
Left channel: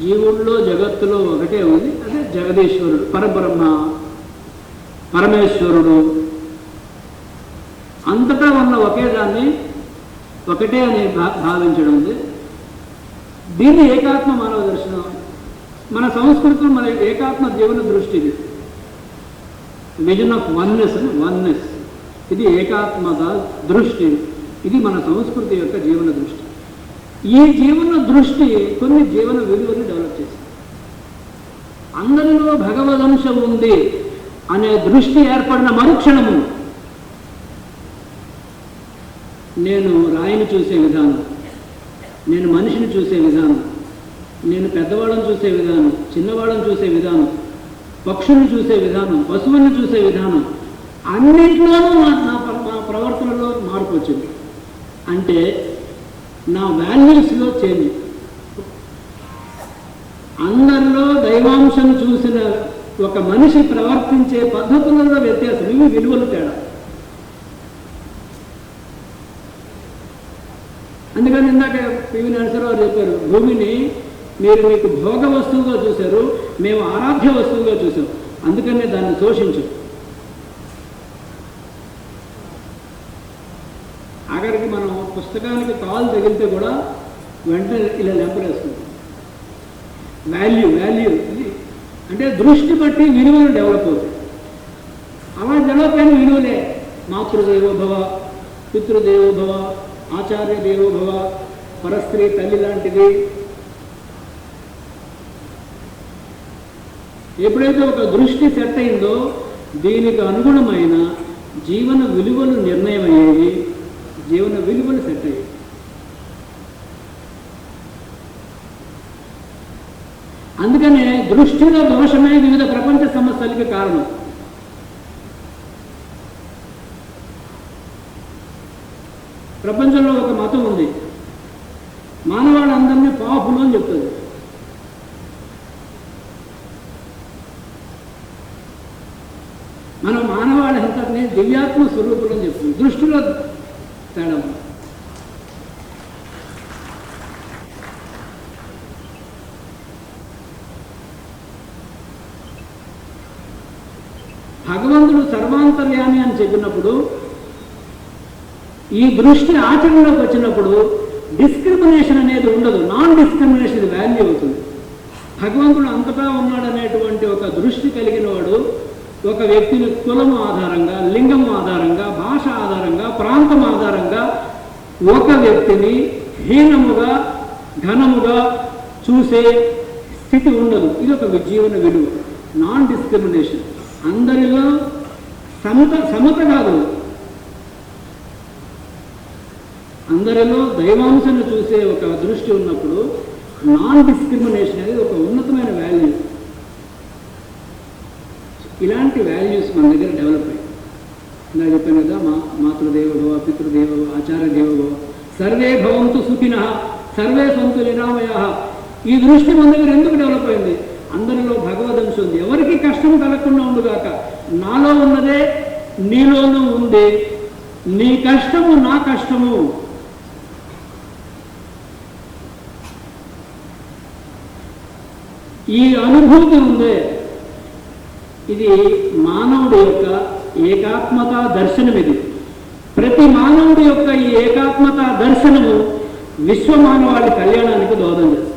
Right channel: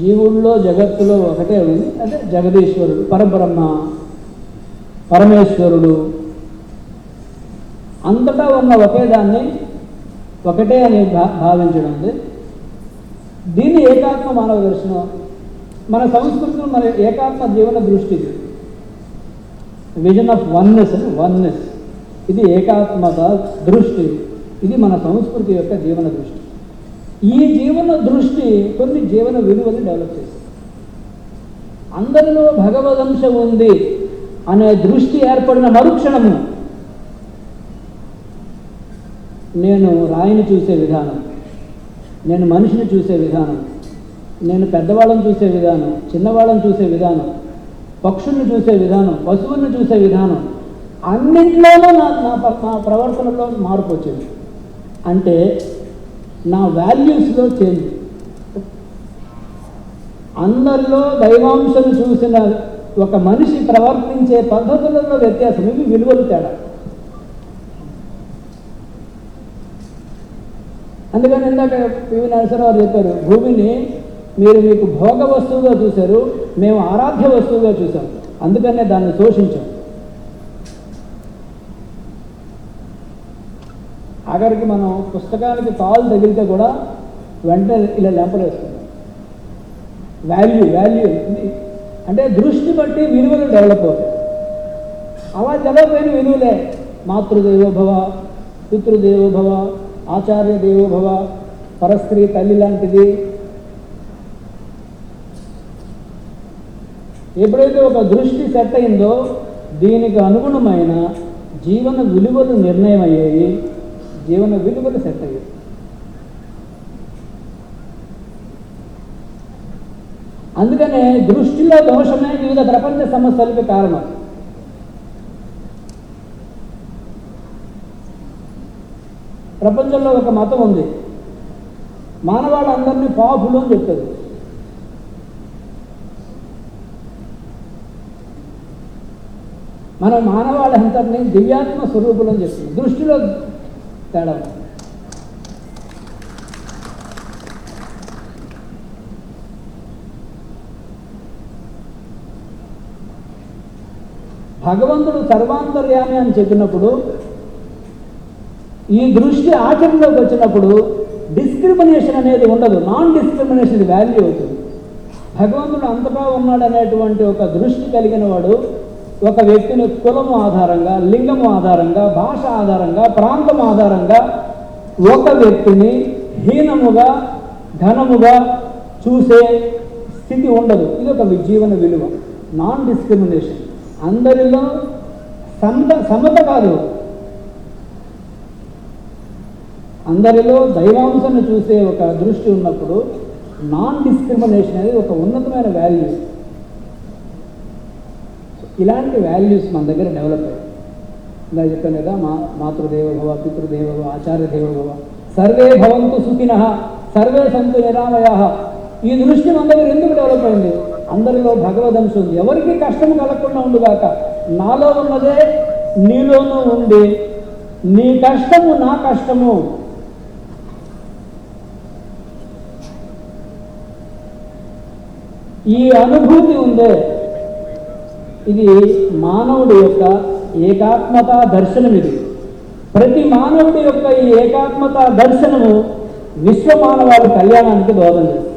జీవుల్లో జగత్తులో ఒకటే ఉంది, అదే జగదీశ్వరుడు, పరబ్రహ్మ, పరమేశ్వరుడు. అంతటా ఉన్న ఒకే దాన్ని ఒకటే అని భావించడం. దీని ఏకాత్మ మానవ దర్శనం. మన సంస్కృతిలో మన ఏకాత్మ జీవన దృష్టి, విజన్ ఆఫ్ వన్నెస్. ఇది ఏకాత్మత దృష్టి. ఇది మన సంస్కృతి యొక్క జీవన దృష్టి. ఈ జీవన దృష్టి కొన్ని జీవన విలువలు డెవలప్ చేసింది. అందరిలో భగవదంశం ఉంది అనే దృష్టి ఏర్పడిన మరుక్షణము నేను రాయిని చూసే విధానం, నేను మనిషిని చూసే విధానం, నేను పెద్దవాళ్ళని చూసే విధానం, చిన్నవాళ్ళని చూసే విధానం, పక్షులను చూసే విధానం, పశువులను చూసే విధానం, అన్నింటిలోనూ నా ప్రవర్తనలో మార్పు వచ్చింది. అంటే నా వాల్యూస్లో చేంజ్. అందరిలో దైవాంశం చూసిన ఒక మనిషి ప్రవర్తించే పద్ధతులలో వ్యత్యాసం. ఇవి విలువలు తేడా. అందుకని ఇందాక పివి నరసింహరావు చెప్పారు, భూమిని మీరు మీకు భోగ వస్తువుగా చూశారు, మేము ఆరాధ్య వస్తువుగా చూసాం, అందుకనే దాన్ని దోషించాం. ఆఖరికి మనం పుస్తకానికి కాలు తగిలితే కూడా వెంటనే ఇలా లెంపలేసుకుంటాం. వాల్యూ అంటే దృష్టి బట్టి విలువలు డెవలప్ అవుతాయి. అలా డెవలప్ అయిన విలువలే మాతృదేవోభవ, పితృదేవోభవ, ఆచార్య దేవోభవ, పరస్త్రీ తల్లి లాంటిది. ఎప్పుడైతే ఒక దృష్టి సెట్ అయిందో దీనికి అనుగుణమైన జీవన విలువలు నిర్ణయం అయ్యేవి, జీవన విలువలు సెట్ అయ్యాయి. అందుకనే దృష్టిలో దోషమే వివిధ ప్రపంచ సమస్యలకి కారణం. ప్రపంచంలో ఒక మతం ఉంది, మానవాళ్ళందరినీ పాపులు అని చెప్తుంది. మన మానవాళ్ళందరినీ దివ్యాత్మ స్వరూపులు అని చెప్తుంది. దృష్టిలో తేడా. భగవంతుడు సర్వాంతర్యామి అని చెప్పినప్పుడు ఈ దృష్టి ఆచరణలోకి వచ్చినప్పుడు డిస్క్రిమినేషన్ అనేది ఉండదు, నాన్ డిస్క్రిమినేషన్ వాల్యూ అవుతుంది. భగవంతుడు అంతటా ఉన్నాడు అనేటువంటి ఒక దృష్టి కలిగిన వాడు ఒక వ్యక్తిని కులము ఆధారంగా, లింగము ఆధారంగా, భాష ఆధారంగా, ప్రాంతం ఆధారంగా ఒక వ్యక్తిని హీనముగా, ఘనముగా చూసే స్థితి ఉండదు. ఇది ఒక జీవన విలువ, నాన్ డిస్క్రిమినేషన్. అందరిలో సమత కాదు, అందరిలో దైవాంశను చూసే ఒక దృష్టి ఉన్నప్పుడు నాన్ డిస్క్రిమినేషన్ అనేది ఒక ఉన్నతమైన వాల్యూ. ఇలాంటి వాల్యూస్ మన దగ్గర డెవలప్ అయ్యాయి. ఇలా చెప్పాను కదా, మాతృదేవోభవ, పితృదేవోభవ, ఆచార్య దేవోభవ, సర్వే భవంతు సుఖినః, సర్వే సంతు నిరామయాః. ఈ దృష్టి మన దగ్గర ఎందుకు డెవలప్ అయింది? అందరిలో భగవదంశం ఉంది. ఎవరికి కష్టం కలగకుండా ఉండుగాక. నాలో ఉన్నదే నీలోనూ ఉంది. నీ కష్టము నా కష్టము. ఈ అనుభూతి ఉందే, ఇది మానవుడి యొక్క ఏకాత్మతా దర్శనం. ఇది ప్రతి మానవుడి యొక్క ఈ ఏకాత్మతా దర్శనము విశ్వ మానవాడి కళ్యాణానికి దోహదం చేస్తుంది.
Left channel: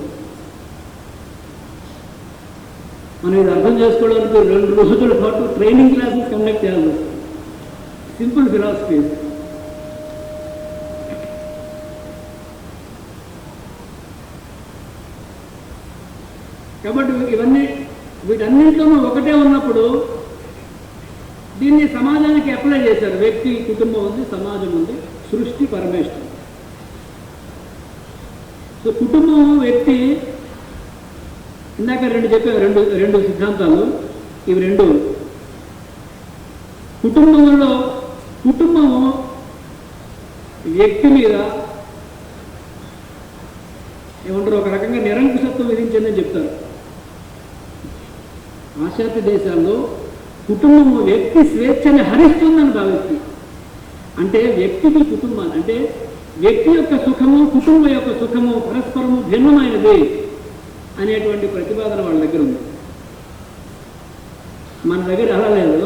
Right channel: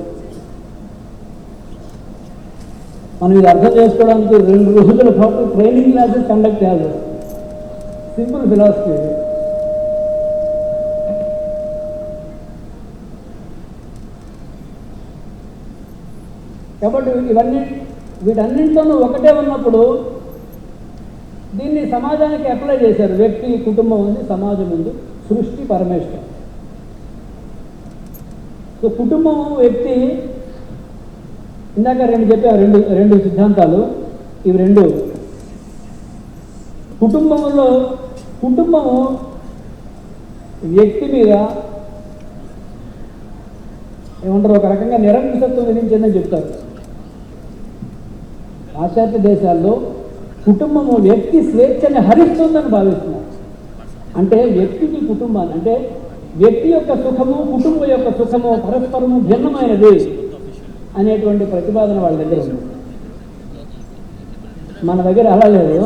మనం ఇది అర్థం చేసుకోవడానికి 2 రోజుల పాటు ట్రైనింగ్ క్లాసెస్ కండక్ట్ చేయాలి. Simple philosophy. కాబట్టి ఇవన్నీ వీటన్నింటిలో ఒకటే ఉన్నప్పుడు దీన్ని సమాజానికి అప్లై చేశారు. వ్యక్తి, కుటుంబం ఉంది, సమాజం ఉంది, సృష్టి, పరమేశ్వరం. సో కుటుంబం, వ్యక్తి, ఇందాక రెండు చెప్పారు, రెండు సిద్ధాంతాలు. ఇవి రెండు కుటుంబంలో, కుటుంబము వ్యక్తి మీద ఏమంటారు, ఒక రకంగా నిరంకుశత్వం విధించిందని చెప్తారు. పాశ్చాత్య దేశాల్లో కుటుంబము వ్యక్తి స్వేచ్ఛని హరిస్తుందని భావిస్తుంది. అంటే వ్యక్తికి కుటుంబాన్ని, అంటే వ్యక్తి యొక్క సుఖము, కుటుంబం యొక్క సుఖము పరస్పరము భిన్నమైనది అనేటువంటి ప్రతిపాదన వాళ్ళ దగ్గర ఉంది. మన దగ్గర అలా లేదు.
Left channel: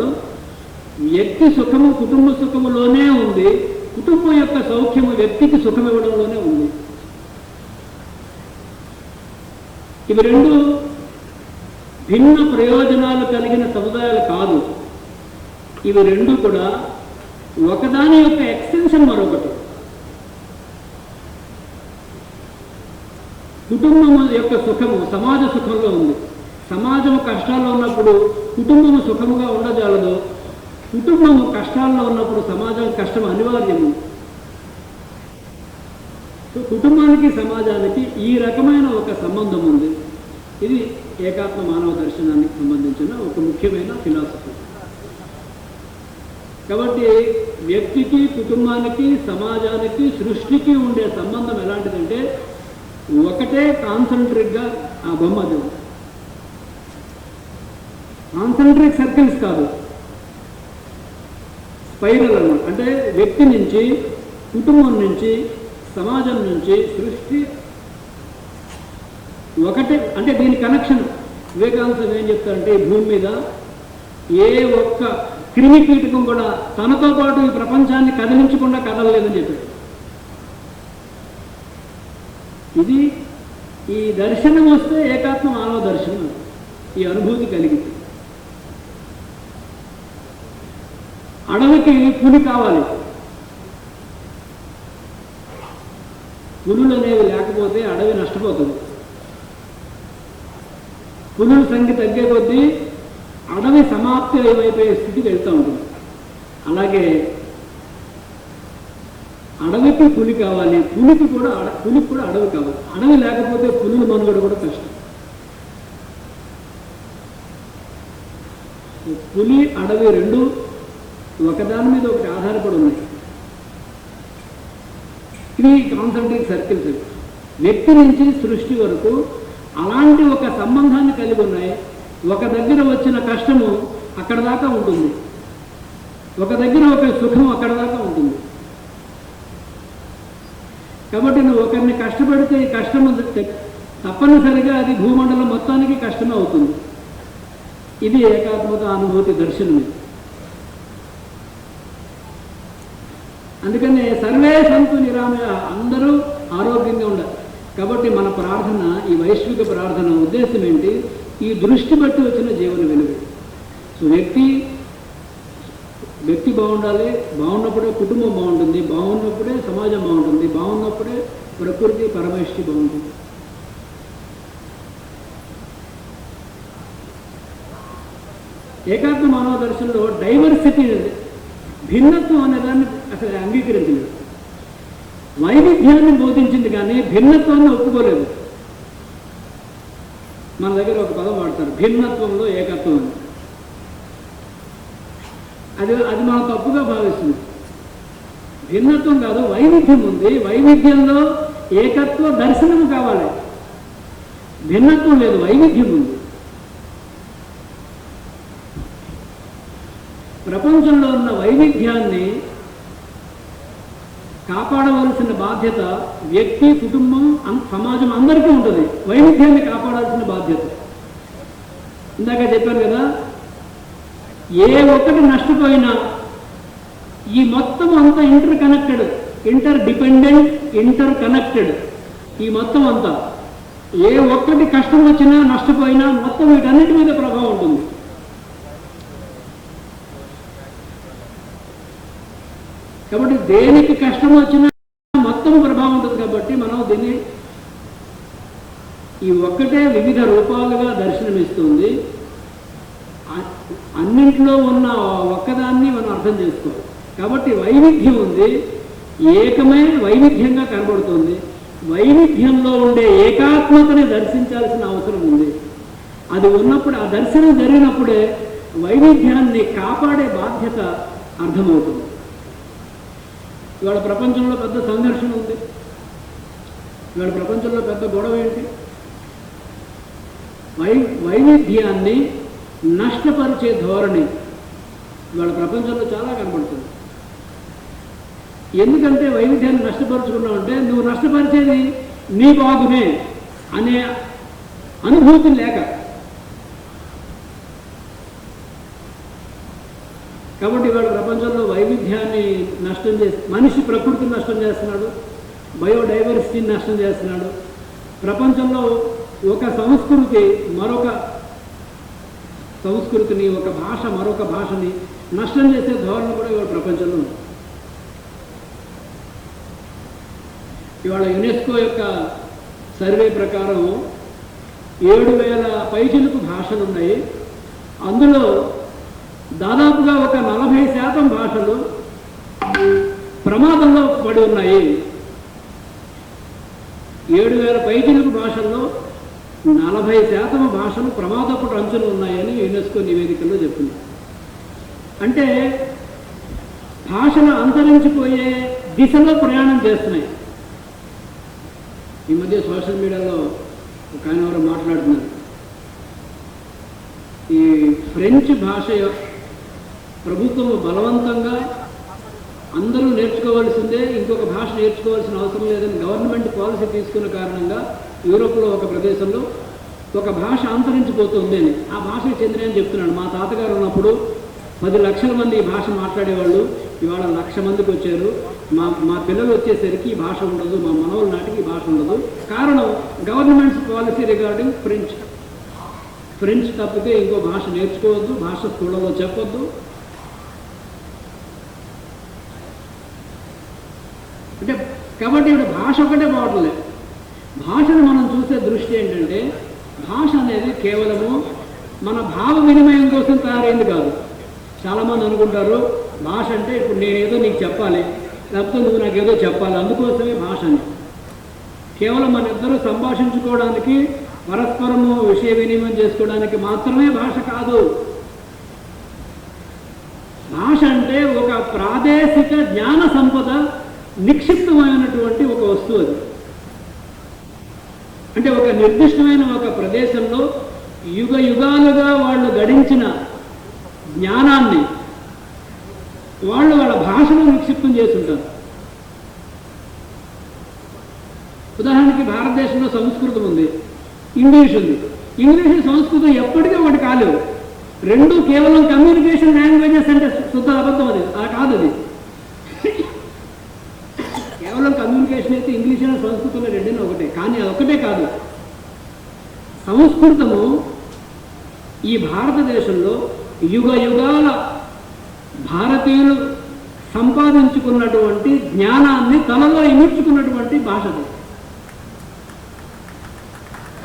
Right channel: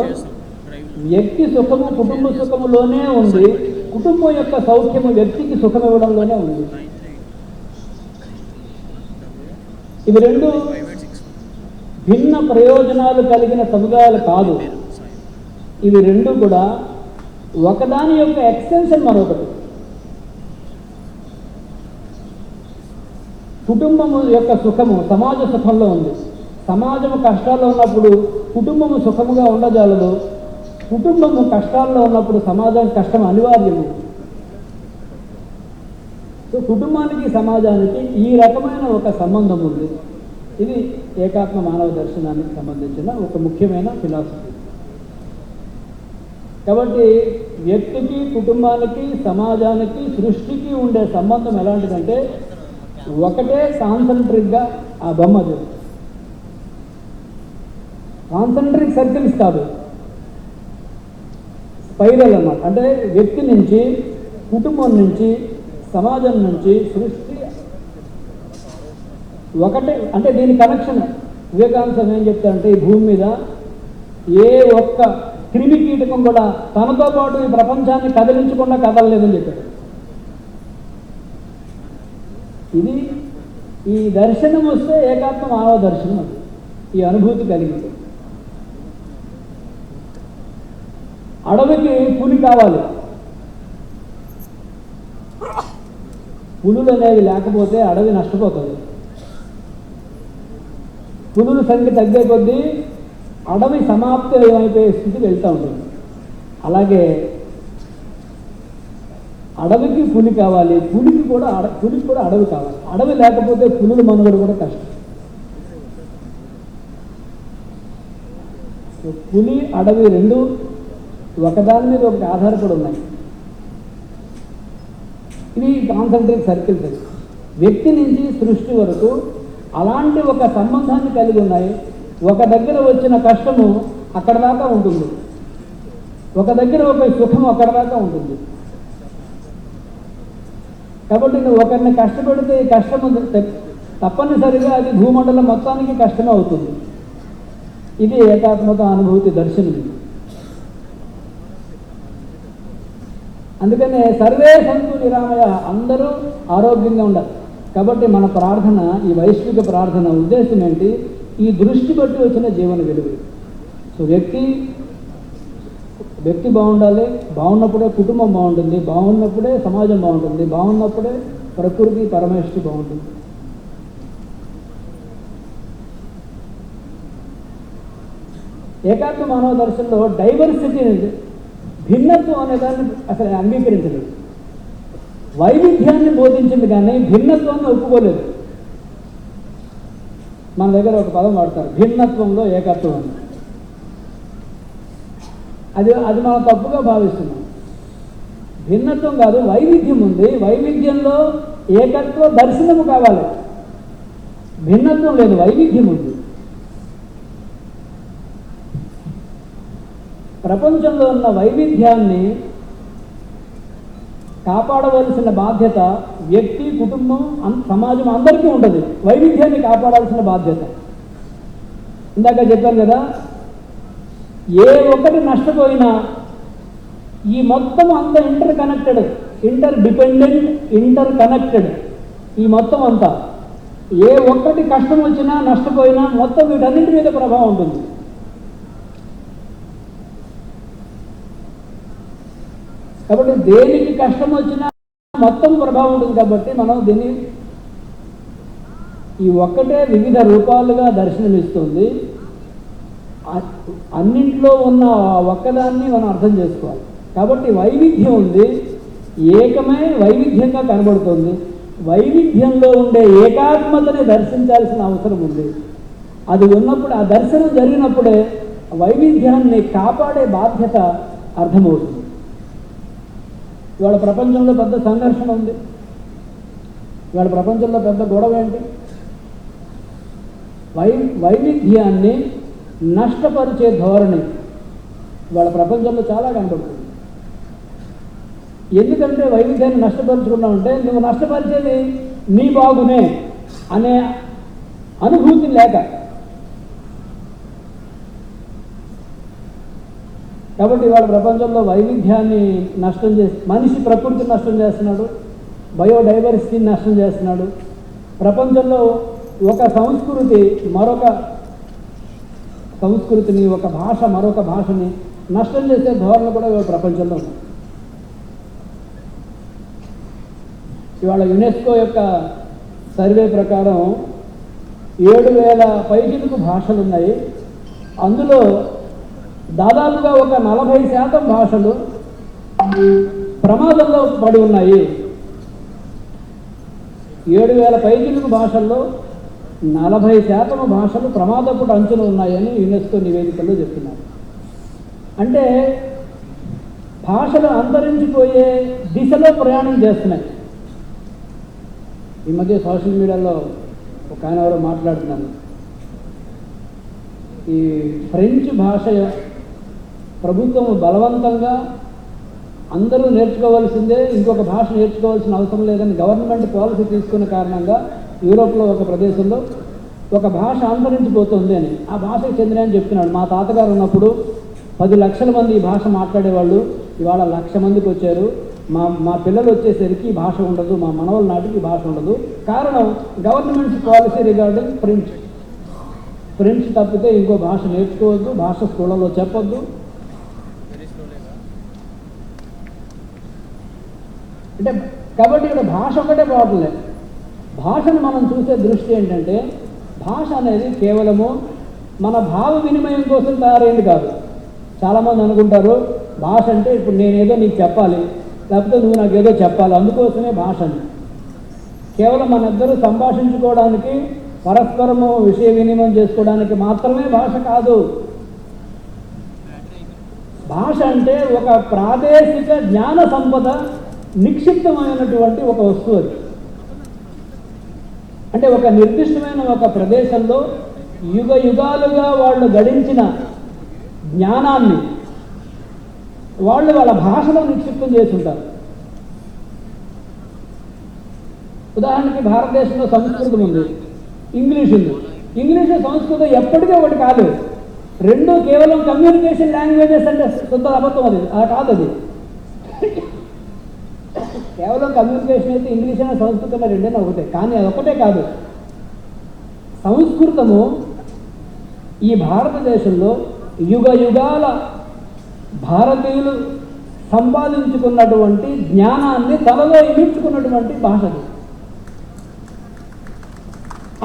వ్యక్తి సుఖము కుటుంబ సుఖములోనే ఉంది, కుటుంబం యొక్క సౌఖ్యము వ్యక్తికి సుఖం ఇవ్వడంలోనే ఉంది. ఇవి రెండు భిన్న ప్రయోజనాలు కలిగిన సముదాయాలు కాదు. ఇవి రెండు కూడా ఒకదాని యొక్క ఎక్స్టెన్షన్ మరొకటి. కుటుంబం యొక్క సుఖము సమాజ సుఖంలో ఉంది. సమాజం కష్టాల్లో ఉన్నప్పుడు కుటుంబము సుఖముగా ఉండజాలదు. కుటుంబము కష్టాల్లో ఉన్నప్పుడు సమాజం కష్టం అనివార్యం. కుటుంబానికి సమాజానికి ఈ రకమైన ఒక సంబంధం ఉంది. ఇది ఏకాత్మ మానవ దర్శనానికి సంబంధించిన ఒక ముఖ్యమైన ఫిలాసఫీ. కాబట్టి వ్యక్తికి, కుటుంబానికి, సమాజానికి, సృష్టికి ఉండే సంబంధం ఎలాంటిదంటే ఒకటే కాన్సంట్రిక్గా ఆ బొమ్మ. కాన్సంట్రిక్ సర్కిల్స్ కాదు, స్పైరల్ అన్నమాట. అంటే వ్యక్తి నుంచి, కుటుంబం నుంచి, సమాజం నుంచి సృష్టి ఒకటే. అంటే దీని కనెక్షన్ వివేకానంద స్వామి ఏం చెప్తారంటే, ఈ భూమి మీద ఏ ఒక్క క్రిమి కీటకం కూడా తనతో పాటు ఈ ప్రపంచాన్ని కదిలించకుండా కదలలేదని చెప్పాడు. ఇది ఈ దర్శనం వస్తే ఏకాత్మ మానవ దర్శనం అని ఈ అనుభూతి కలిగింది. అడవికి పులి కావాలి. పులులు అనేవి లేకపోతే అడవి నష్టపోతుంది. పులుల సంఖ్య తగ్గే కొద్దీ అడవి సమాప్తి అయిపోయే స్థితి వెళ్తూ ఉంటుంది. అలాగే అడవికి పులి కావాలి, పులికి కూడా అడవి కావాలి. అడవి లేకపోతే పులుల మనుగడ కూడా కష్టం. పులి, అడవి రెండు ఒకదాని మీద ఒకటి ఆధారపడి ఉన్నాయి. ఇవి కాన్సంట్రిక్ సర్కిల్స్. వ్యక్తి నుంచి సృష్టి వరకు అలాంటి ఒక సంబంధాన్ని కలిగి ఉన్నాయి. ఒక దగ్గర వచ్చిన కష్టము అక్కడ దాకా ఉంటుంది, ఒక దగ్గర ఒక సుఖం అక్కడ దాకా ఉంటుంది. కాబట్టి నువ్వు ఒకరిని కష్టపడితే ఈ కష్టము తప్పనిసరిగా అది భూమండలం మొత్తానికి కష్టమే అవుతుంది. ఇది ఏకాత్మక అనుభూతి దర్శనం. అందుకనే సర్వే సంతు నిరామయ, అందరూ ఆరోగ్యంగా ఉండాలి. కాబట్టి మన ప్రార్థన, ఈ వైశ్విక ప్రార్థన ఉద్దేశం ఏంటి? ఈ దృష్టి బట్టి వచ్చిన జీవన వెలుగు. సో వ్యక్తి బాగుండాలి, బాగున్నప్పుడే కుటుంబం బాగుంటుంది, బాగున్నప్పుడే సమాజం బాగుంటుంది, బాగున్నప్పుడే ప్రకృతి, పరమేష్టి బాగుంటుంది. ఏకాత్మ మానవ దర్శనంలో డైవర్సిటీ, భిన్నత్వం అనేదాన్ని అసలు అంగీకరించలేదు. వైవిధ్యాన్ని బోధించింది కానీ భిన్నత్వాన్ని ఒప్పుకోలేదు. మన దగ్గర ఒక పదం వాడతారు, భిన్నత్వంలో ఏకత్వం అని. అది మనం తప్పుగా భావిస్తుంది. భిన్నత్వం కాదు, వైవిధ్యం ఉంది. వైవిధ్యంలో ఏకత్వ దర్శనం కావాలి. భిన్నత్వం లేదు, వైవిధ్యం ఉంది. ప్రపంచంలో ఉన్న వైవిధ్యాన్ని కాపాడవలసిన బాధ్యత వ్యక్తి, కుటుంబం, సమాజం అందరికీ ఉంటుంది. వైవిధ్యాన్ని కాపాడాల్సిన బాధ్యత. ఇందాక చెప్పారు కదా, ఏ ఒక్కటి నష్టపోయినా ఈ మొత్తం అంతా inter connected, inter dependent, inter connected. ఈ మొత్తం అంతా ఏ ఒక్కటి కష్టం వచ్చినా నష్టపోయినా మొత్తం వీటన్నిటి మీద ప్రభావం ఉంటుంది. కాబట్టి దేనికి కష్టం వచ్చినా మొత్తం ప్రభావం ఉంటుంది. కాబట్టి మనం దీన్ని ఈ ఒక్కటే వివిధ రూపాలుగా దర్శనమిస్తుంది. అన్నింట్లో ఉన్న ఒక్కదాన్ని మనం అర్థం చేసుకోవాలి. కాబట్టి వైవిధ్యం ఉంది, ఏకమైన వైవిధ్యంగా కనబడుతుంది. వైవిధ్యంలో ఉండే ఏకాత్మతని దర్శించాల్సిన అవసరం ఉంది. అది ఉన్నప్పుడు, ఆ దర్శనం జరిగినప్పుడే వైవిధ్యాన్ని కాపాడే బాధ్యత అర్థమవుతుంది. ఇవాళ ప్రపంచంలో పెద్ద సంఘర్షణ ఉంది. ఇవాళ ప్రపంచంలో పెద్ద గొడవ ఏంటి? వైవిధ్యాన్ని నష్టపరిచే ధోరణి ఇవాళ ప్రపంచంలో చాలా కనబడుతుంది. ఎందుకంటే వైవిధ్యాన్ని నష్టపరుచుకున్నామంటే నువ్వు నష్టపరిచేది నీ బాగునే అనే అనుభూతి లేక. కాబట్టి ఇవాళ ప్రపంచంలో వైవిధ్యాన్ని నష్టం చేసి మనిషి ప్రకృతిని నష్టం చేస్తున్నాడు, బయోడైవర్సిటీని నష్టం చేస్తున్నాడు. ప్రపంచంలో ఒక సంస్కృతి మరొక సంస్కృతిని, ఒక భాష మరొక భాషని నష్టం చేసే ధోరణి కూడా ఇవాళ ప్రపంచంలో ఉంది. ఇవాళ యునెస్కో యొక్క సర్వే ప్రకారం 7,000 పైచిలుకు భాషలు ఉన్నాయి. అందులో దాదాపుగా ఒక 40% భాషలు ప్రమాదంలో పడి ఉన్నాయి. 7,000 పైచిలుకు భాషల్లో 40% భాషలు ప్రమాదపు అంచులు ఉన్నాయని యునెస్కో నివేదికలో చెప్తున్నారు. అంటే భాషలు అంతరించిపోయే దిశలో ప్రయాణం చేస్తున్నాయి. ఈ మధ్య సోషల్ మీడియాలో ఒక ఆయన ఎవరో మాట్లాడుతున్నారు, ఈ ఫ్రెంచ్ భాష ప్రభుత్వం బలవంతంగా అందరూ నేర్చుకోవాల్సిందే, ఇంకొక భాష నేర్చుకోవాల్సిన అవసరం లేదని గవర్నమెంట్ పాలసీ తీసుకున్న కారణంగా యూరోప్లో ఒక ప్రదేశంలో ఒక భాష అంతరించిపోతుంది అని ఆ భాషకు చెందినని చెప్తున్నాడు. మా తాతగారు ఉన్నప్పుడు 10 లక్షల మంది ఈ భాష మాట్లాడేవాళ్ళు, ఇవాళ 1,00,000 మందికి వచ్చారు. మా పిల్లలు వచ్చేసరికి ఈ భాష ఉండదు, మా మనవల నాటికి ఈ భాష ఉండదు. కారణం గవర్నమెంట్స్ పాలసీ రిగార్డింగ్ ఫ్రెంచ్ తప్పితే ఇంకో భాష నేర్చుకోవద్దు, భాష స్కూళ్ళలో చెప్పొద్దు. అంటే కాబట్టి ఇక్కడ భాష ఒకటే పోవట్లేదు. భాషను మనం చూసే దృష్టి ఏంటంటే భాష అనేది కేవలము మన భావ వినిమయం కోసం తయారైంది కాదు. చాలామంది అనుకుంటారు భాష అంటే ఇప్పుడు నేను ఏదో నీకు చెప్పాలి, లేకపోతే నువ్వు నాకు ఏదో చెప్పాలి, అందుకోసమే భాష అని. కేవలం మనిద్దరూ సంభాషించుకోవడానికి, పరస్పరము విషయ వినిమయం చేసుకోవడానికి మాత్రమే భాష కాదు. భాష అంటే ఒక ప్రాదేశిక జ్ఞాన సంపద నిక్షిప్తమైనటువంటి ఒక వస్తువు అది. అంటే ఒక నిర్దిష్టమైన ఒక ప్రదేశంలో యుగ యుగాలుగా వాళ్ళు గడించిన జ్ఞానాన్ని వాళ్ళు వాళ్ళ భాషలో నిక్షిప్తం చేస్తుంటారు. ఉదాహరణకి భారతదేశంలో సంస్కృతం ఉంది, ఇంగ్లీష్ ఉంది. ఇంగ్లీష్ సంస్కృతం ఎప్పటికీ ఒకటి కాదు. రెండు కేవలం కమ్యూనికేషన్ లాంగ్వేజెస్ అంటే శుద్ధ అబద్ధం. అది అలా కాదు. అది కేవలం కమ్యూనికేషన్ అయితే ఇంగ్లీష్ అయినా సంస్కృతం రెండైనా ఒకటే. కానీ అదొక్కటే కాదు. సంస్కృతము ఈ భారతదేశంలో యుగ యుగాల భారతీయులు సంపాదించుకున్నటువంటి జ్ఞానాన్ని తనలో ఇమిడ్చుకున్నటువంటి భాషది.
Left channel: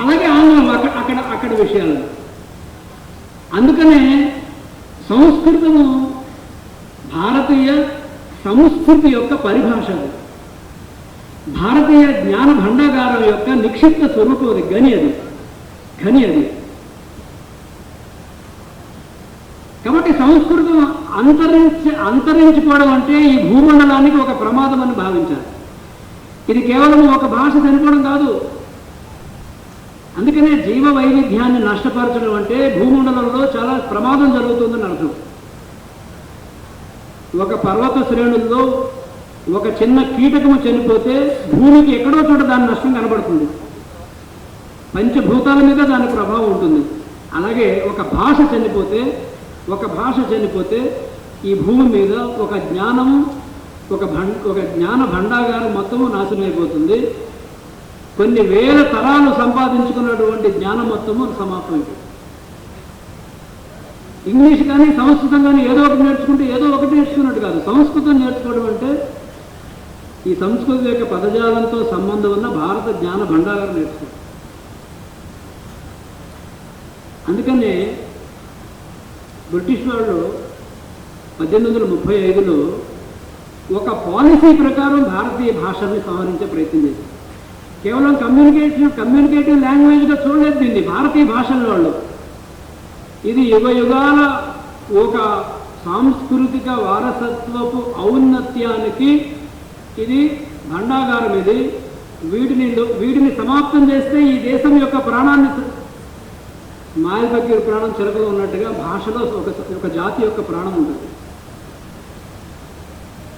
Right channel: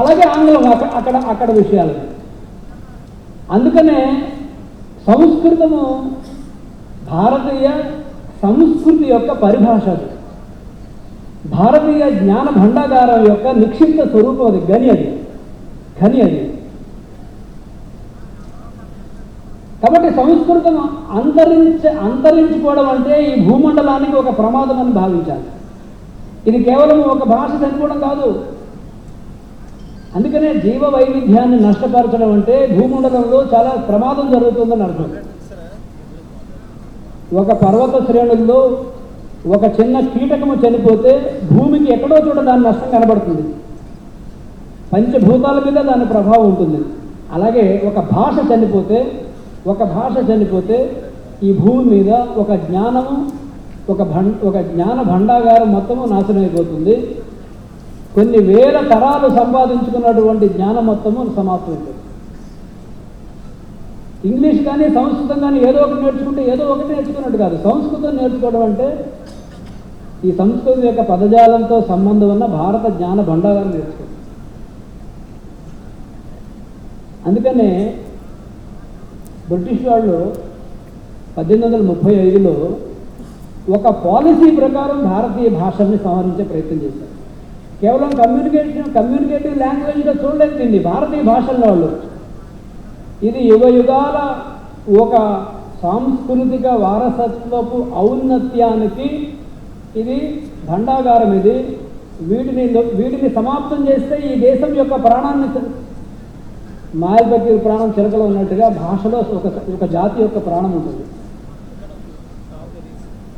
అలాగే ఆంగ్లం అక్కడ విషయాలు. అందుకనే సంస్కృతము భారతీయ సంస్కృతి యొక్క పరిభాషది. భారతీయ జ్ఞాన భండాగారం యొక్క నిక్షిప్త స్వరూపం అది. గని అది. కాబట్టి సంస్కృతం అంతరించిపోవడం అంటే ఈ భూమండలానికి ఒక ప్రమాదం అని భావించాలి. ఇది కేవలం ఒక భాష చనిపోవడం కాదు. అందుకనే జీవ వైవిధ్యాన్ని నష్టపరచడం అంటే భూమండలంలో చాలా ప్రమాదం జరుగుతుందని అర్థం. ఒక పర్వత శ్రేణుల్లో ఒక చిన్న కీటకము చనిపోతే భూమికి ఎక్కడో చోట దాని నష్టం కనబడుతుంది. పంచభూతాల మీద దాని ప్రభావం ఉంటుంది. అలాగే ఒక భాష చనిపోతే ఈ భూమి మీద ఒక జ్ఞానము, ఒక జ్ఞాన భండాగారం మొత్తము నాశనం అయిపోతుంది. కొన్ని వేల తరాలు సంపాదించుకున్నటువంటి జ్ఞానం మొత్తము సమాప్తమైపోతుంది. ఇంగ్లీష్ కానీ సంస్కృతం కానీ ఏదో ఒకటి నేర్చుకుంటే ఏదో ఒకటి నేర్చుకున్నట్టు కాదు. సంస్కృతం నేర్చుకోవడం అంటే ఈ సంస్కృతి యొక్క పదజాలంతో సంబంధం ఉన్న భారత జ్ఞాన భండారం నేర్చుకోవడం. అందుకనే బ్రిటిష్ వాళ్ళు 1835లో ఒక పాలసీ ప్రకారం భారతీయ భాషల్ని సంహరించే ప్రయత్నం చేశారు. కేవలం కమ్యూనికేటివ్ లాంగ్వేజ్గా చూడలేదు దీన్ని భారతీయ భాషల వాళ్ళు. ఇది యుగ యుగాల ఒక సాంస్కృతిక వారసత్వపు ఔన్నత్యానికి ఇది భండాగారం. ఇది వీటిని సమాప్తం చేస్తే ఈ దేశం యొక్క ప్రాణాన్ని మాయలపతి ప్రాణం చిలకలో ఉన్నట్టుగా భాషలో ఒక జాతి యొక్క ప్రాణం ఉంటుంది.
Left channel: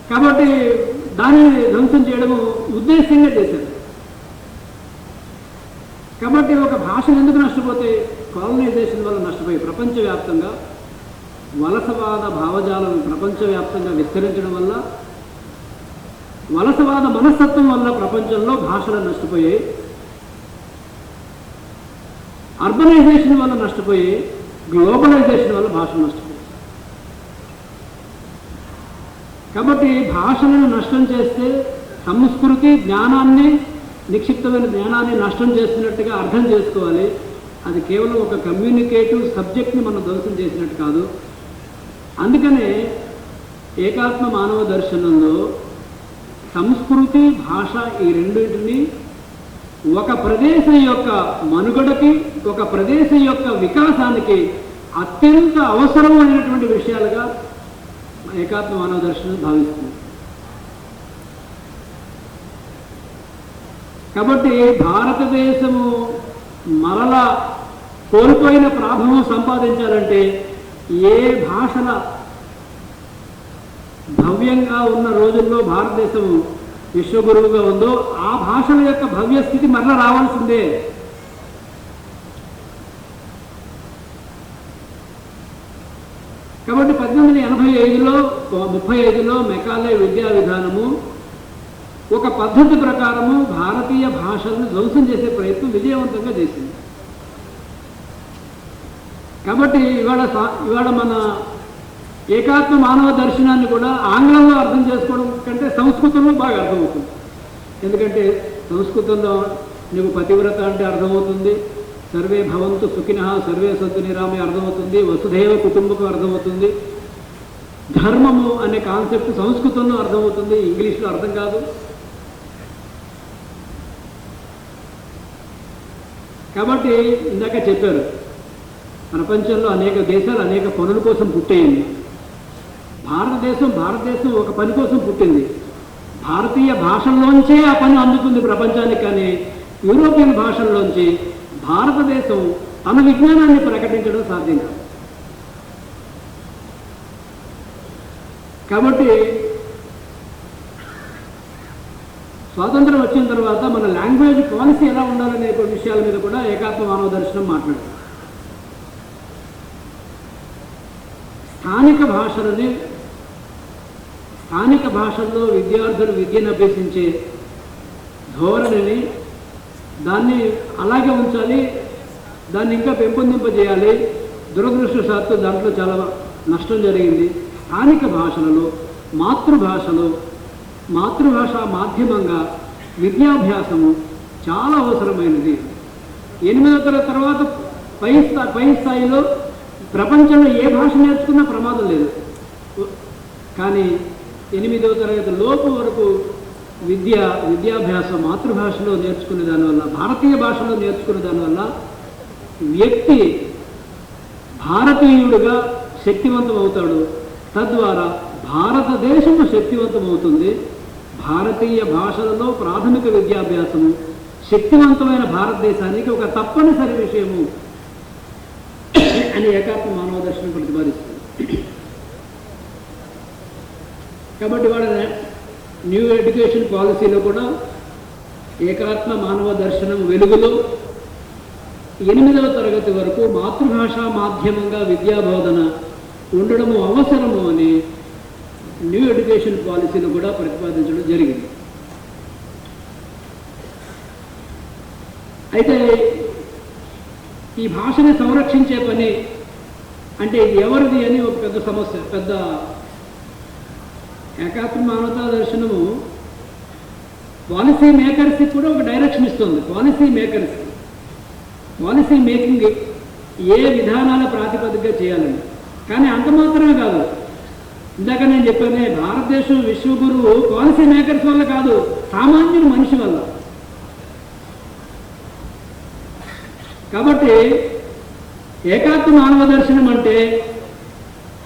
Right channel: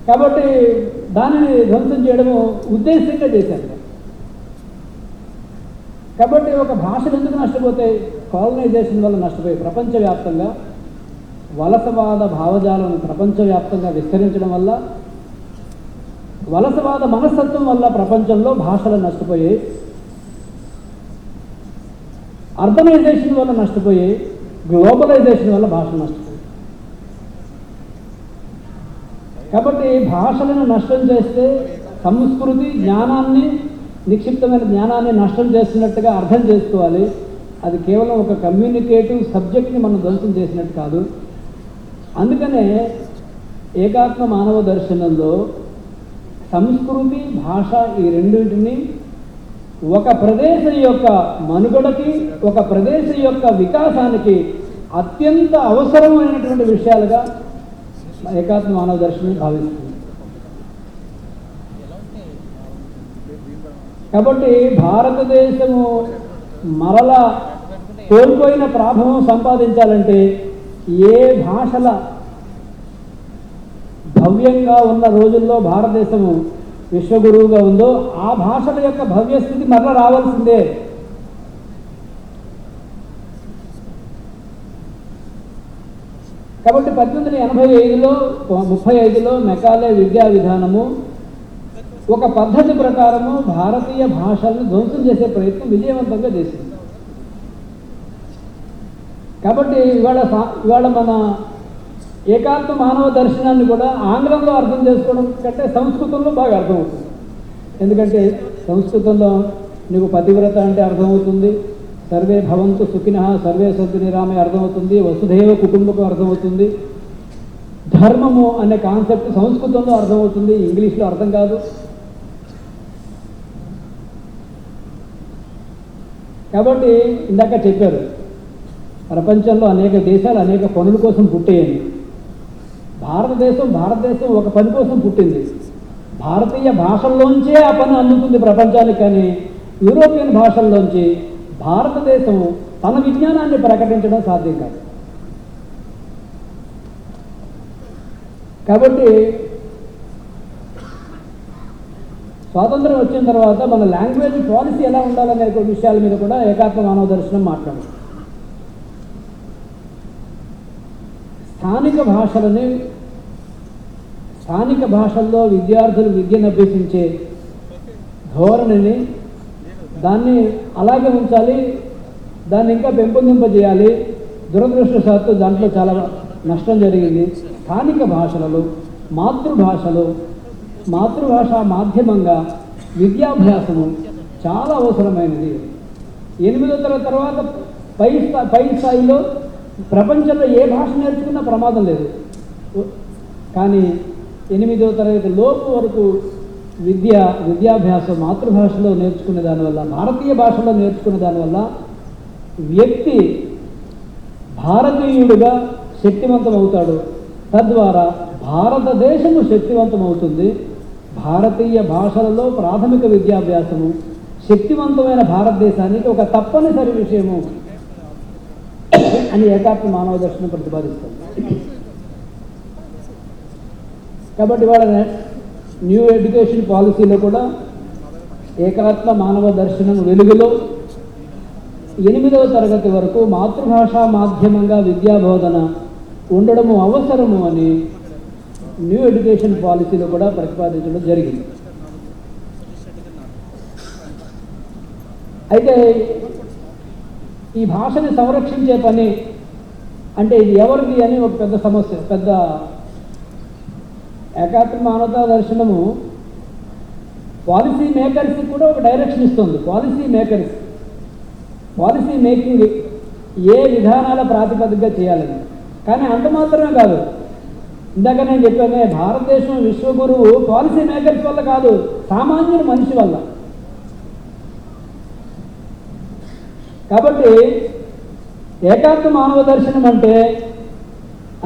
కాబట్టి దానిని ధ్వంసం చేయడము ఉద్దేశంగా చేశారు. కాబట్టి ఒక భాష ఎందుకు నష్టపోతాయి? కాలనైజేషన్ వల్ల నష్టపోయి ప్రపంచవ్యాప్తంగా వలసవాద భావజాలను ప్రపంచవ్యాప్తంగా విస్తరించడం వల్ల, వలసవాద మనస్తత్వం వల్ల ప్రపంచంలో భాషలు నష్టపోయాయి. అర్బనైజేషన్ వల్ల నష్టపోయి, గ్లోబలైజేషన్ వల్ల భాష నష్టపోయి. కాబట్టి భాషలను నష్టం చేస్తే సంస్కృతి జ్ఞానాన్ని, నిక్షిప్తమైన జ్ఞానాన్ని నష్టం చేస్తున్నట్టుగా అర్థం చేసుకోవాలి. అది కేవలం ఒక కమ్యూనికేటివ్ సబ్జెక్ట్ని మనం ధ్వంసం చేసినట్టు కాదు. అందుకనే ఏకాత్మ మానవ దర్శనంలో సంస్కృతి, భాష ఈ రెండింటిని ఒక ప్రదేశం యొక్క మనుగడకి, ఒక ప్రదేశం యొక్క వికాసానికి అత్యంత అవసరమైనటువంటి విషయాలుగా ఏకాత్మ మానవ దర్శనం భావిస్తుంది. కాబట్టి భారతదేశము మరలా కోల్పోయిన ప్రాభవం సంపాదించాలంటే ఏ భాషల భవ్యంగా ఉన్న రోజుల్లో భారతదేశము విశ్వగురువుగా ఉందో ఆ భాషల యొక్క భవ్యస్థితి మరలా రావాల్సిందే. కాబట్టి 1835లో మెకాలే విద్యా విధానము ఒక పద్ధతి ప్రకారము భారతీయ భాషలను ధ్వంసం చేసే ప్రయత్నం విజయవంతంగా చేసింది. కాబట్టి ఇవాళ మన ఏకాత్మ మానవ దర్శనాన్ని కూడా ఆంగ్లంలో అర్థం చేసుకోవడం కంటే సంస్కృతంలో బాగా అర్థమవుతుంది. ఎందుకంటే సంస్కృతంలో నీకు పతివ్రత అంటే అర్థమవుతుంది, సర్వే భవంతు సుఖినః సర్వే సంతు నిరామే అర్థమవుతుంది, వసుధైవ కుటుంబకం అర్థమవుతుంది, ధర్మము అనే కాన్సెప్ట్ సంస్కృతంలో అర్థమవుతుంది, ఇంగ్లీష్లో అర్థం కాదు. కాబట్టి ఇందాక చెప్పారు, ప్రపంచంలో అనేక దేశాలు అనేక పనుల కోసం పుట్టేయండి. భారతదేశం ఒక పని కోసం పుట్టింది. భారతీయ భాషల్లోంచే ఆ పని అందుతుంది ప్రపంచానికి. కానీ యూరోపియన్ భాషల్లోంచి భారతదేశం తన విజ్ఞానాన్ని ప్రకటించడం సాధ్యం కాదు. కాబట్టి స్వాతంత్రం వచ్చిన తర్వాత మన లాంగ్వేజ్ పాలసీ ఎలా ఉండాలనే విషయాల మీద కూడా ఏకాత్మ మానవ దర్శనం మాట్లాడింది. స్థానిక భాషల్లో విద్యార్థులు విద్యను అభ్యసించే ధోరణిని దాన్ని అలాగే ఉంచాలి, దాన్ని ఇంకా పెంపొందింపజేయాలి. దురదృష్టవశాత్తు దాంట్లో చాలా నష్టం జరిగింది. స్థానిక భాషలలో మాతృభాష మాధ్యమంగా విద్యాభ్యాసము చాలా అవసరమైనది. 8వ తరగతి తర్వాత పై స్థాయిలో ప్రపంచంలో ఏ భాష నేర్చుకున్నా ప్రమాదం లేదు. కానీ 8వ తరగతి లోపు వరకు విద్యాభ్యాసం మాతృభాషలో నేర్చుకునే దానివల్ల, భారతీయ భాషలో నేర్చుకునే దానివల్ల వ్యక్తి భారతీయుడుగా శక్తివంతం అవుతాడు. తద్వారా భారతదేశము శక్తివంతం అవుతుంది. భారతీయ భాషలలో ప్రాథమిక విద్యాభ్యాసము శక్తివంతమైన భారతదేశానికి ఒక తప్పనిసరి విషయము అని ఏకాత్మ మానవ దర్శనం ప్రతిపాదిస్తుంది. కాబట్టి వాళ్ళ న్యూ ఎడ్యుకేషన్ పాలసీలో కూడా ఏకాత్మ మానవ దర్శనం వెలుగులో 8వ తరగతి వరకు మాతృభాషా మాధ్యమంగా విద్యాబోధన ఉండడము అవసరము అని న్యూ ఎడ్యుకేషన్ పాలసీలో కూడా ప్రతిపాదించడం జరిగింది. అయితే ఈ భాషని సంరక్షించే పని అంటే ఇది ఎవరిది అని ఒక పెద్ద సమస్య. పెద్ద ఏకాత్మ మానవతా దర్శనము పాలసీ మేకర్స్కి కూడా ఒక డైరెక్షన్ ఇస్తుంది. పాలసీ మేకింగ్ ఏ విధానాల ప్రాతిపదికగా చేయాలని. కానీ అంత మాత్రమే కాదు, ఇందాక నేను చెప్పానే భారతదేశం విశ్వగురువు పాలసీ మేకర్స్ వల్ల కాదు, సామాన్య మనిషి వల్ల. కాబట్టి ఏకాత్మ మానవ దర్శనం అంటే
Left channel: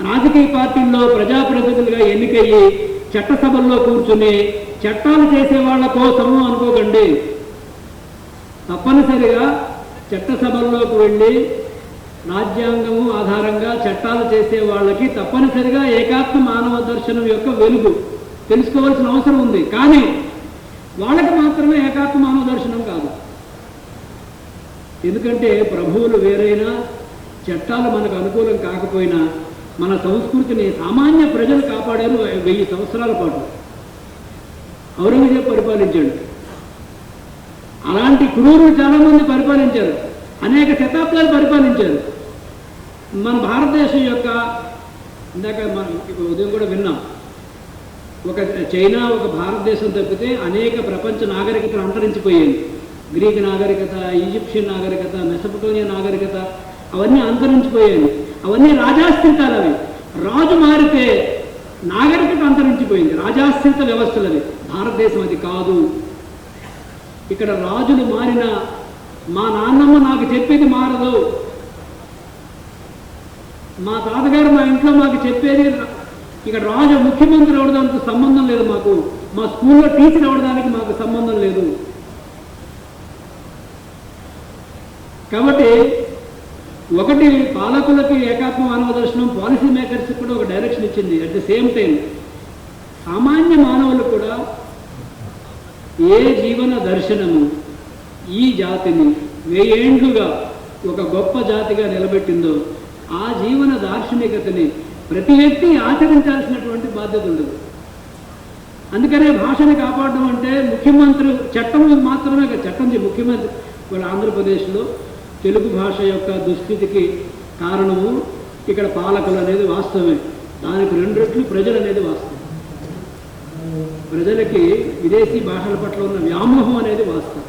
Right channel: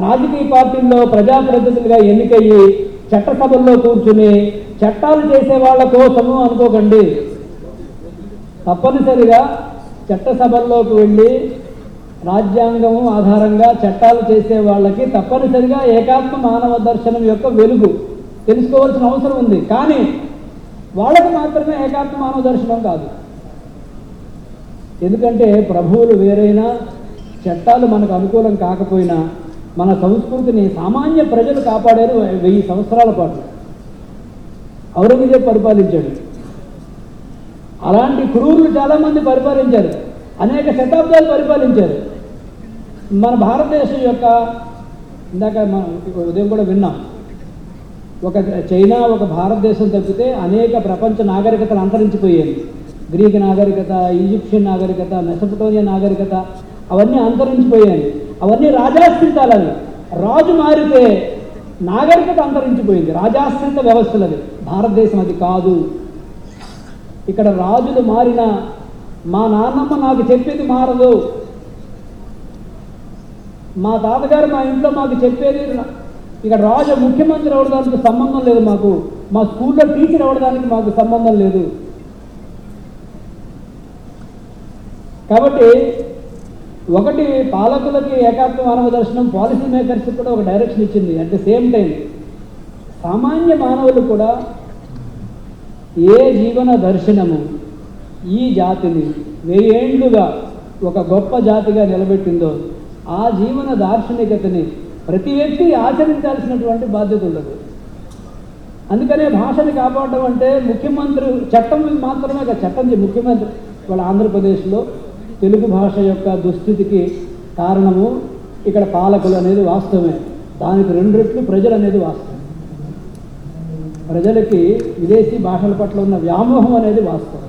రాజకీయ పార్టీల్లో ప్రజాప్రతినిధులుగా ఎన్నికయ్యి చట్టసభల్లో కూర్చుని చట్టాలు చేసే వాళ్ళ కోసము అనుకోకండి. తప్పనిసరిగా చట్టసభల్లోకి వెళ్ళి రాజ్యాంగము ఆధారంగా చట్టాలు చేసే వాళ్ళకి తప్పనిసరిగా ఏకాత్మ మానవ దర్శనం యొక్క వెలుగు తెలుసుకోవాల్సిన అవసరం ఉంది. కానీ వాళ్ళకి మాత్రమే ఏకాత్మ మానవ దర్శనం కాదు. ఎందుకంటే ప్రభువులు వేరైనా, చట్టాలు మనకు అనుకూలం కాకపోయినా మన సంస్కృతిని సామాన్య ప్రజలు కాపాడారు 1000 సంవత్సరాల పాటు. ఔరంగజేబు పరిపాలించాడు, అలాంటి క్రూరులు చాలామంది పరిపాలించారు, అనేక శతాబ్దాలు పరిపాలించారు. మన భారతదేశం యొక్క ఇందాక ఉదయం కూడా విన్నాం, ఒక చైనా ఒక భారతదేశం తప్పితే అనేక ప్రపంచ నాగరికతలు అంతరించిపోయాయి. గ్రీక్ నాగరికత, ఈజిప్షియన్ నాగరికత, మెసపటోనియా నాగరికత అవన్నీ అంతరించిపోయాయి. అవన్నీ రాజాశ్రితాలు. అవి రాజు మారితే నాగరికత అంతరించిపోయింది. రాజాశ్రిత వ్యవస్థలు అవి. భారతదేశం అది కాదు. ఇక్కడ రాజులు మారిన మా నాన్నమ్మ నాకు చెప్పేది మారదు, మా తాతగారు మా ఇంట్లో మాకు చెప్పేది, ఇక రాజు ముఖ్యమంత్రి అవడానికి సంబంధం లేదు మాకు, మా స్కూల్లో టీచర్ అవడానికి మాకు సంబంధం లేదు. కాబట్టి ఒకటి పాలకులకి ఏకాత్మ మానవ దర్శనం, పాలసీ మేకర్స్ కూడా ఒక డైరెక్షన్ ఇచ్చింది. అట్ ద సేమ్ టైం సామాన్య మానవులు కూడా ఏ జీవన దర్శనము ఈ జాతిని 1000 ఏళ్లుగా ఒక గొప్ప జాతిగా నిలబెట్టిందో ఆ జీవన దార్శనికతని ప్రతి వ్యక్తి ఆచరించాల్సినటువంటి బాధ్యత ఉండదు. అందుకనే భాషని కాపాడడం అంటే ముఖ్యమంత్రి చట్టం మాత్రమే కాదు, చట్టం ముఖ్యమంత్రి మన ఆంధ్రప్రదేశ్లో తెలుగు భాష యొక్క దుస్థితికి కారణము ఇక్కడ పాలకులు అనేది వాస్తవమే. దానికి 2 రెట్లు ప్రజలు అనేది వాస్తవం. ప్రజలకి విదేశీ భాషల పట్ల ఉన్న వ్యామోహం అనేది వాస్తవం.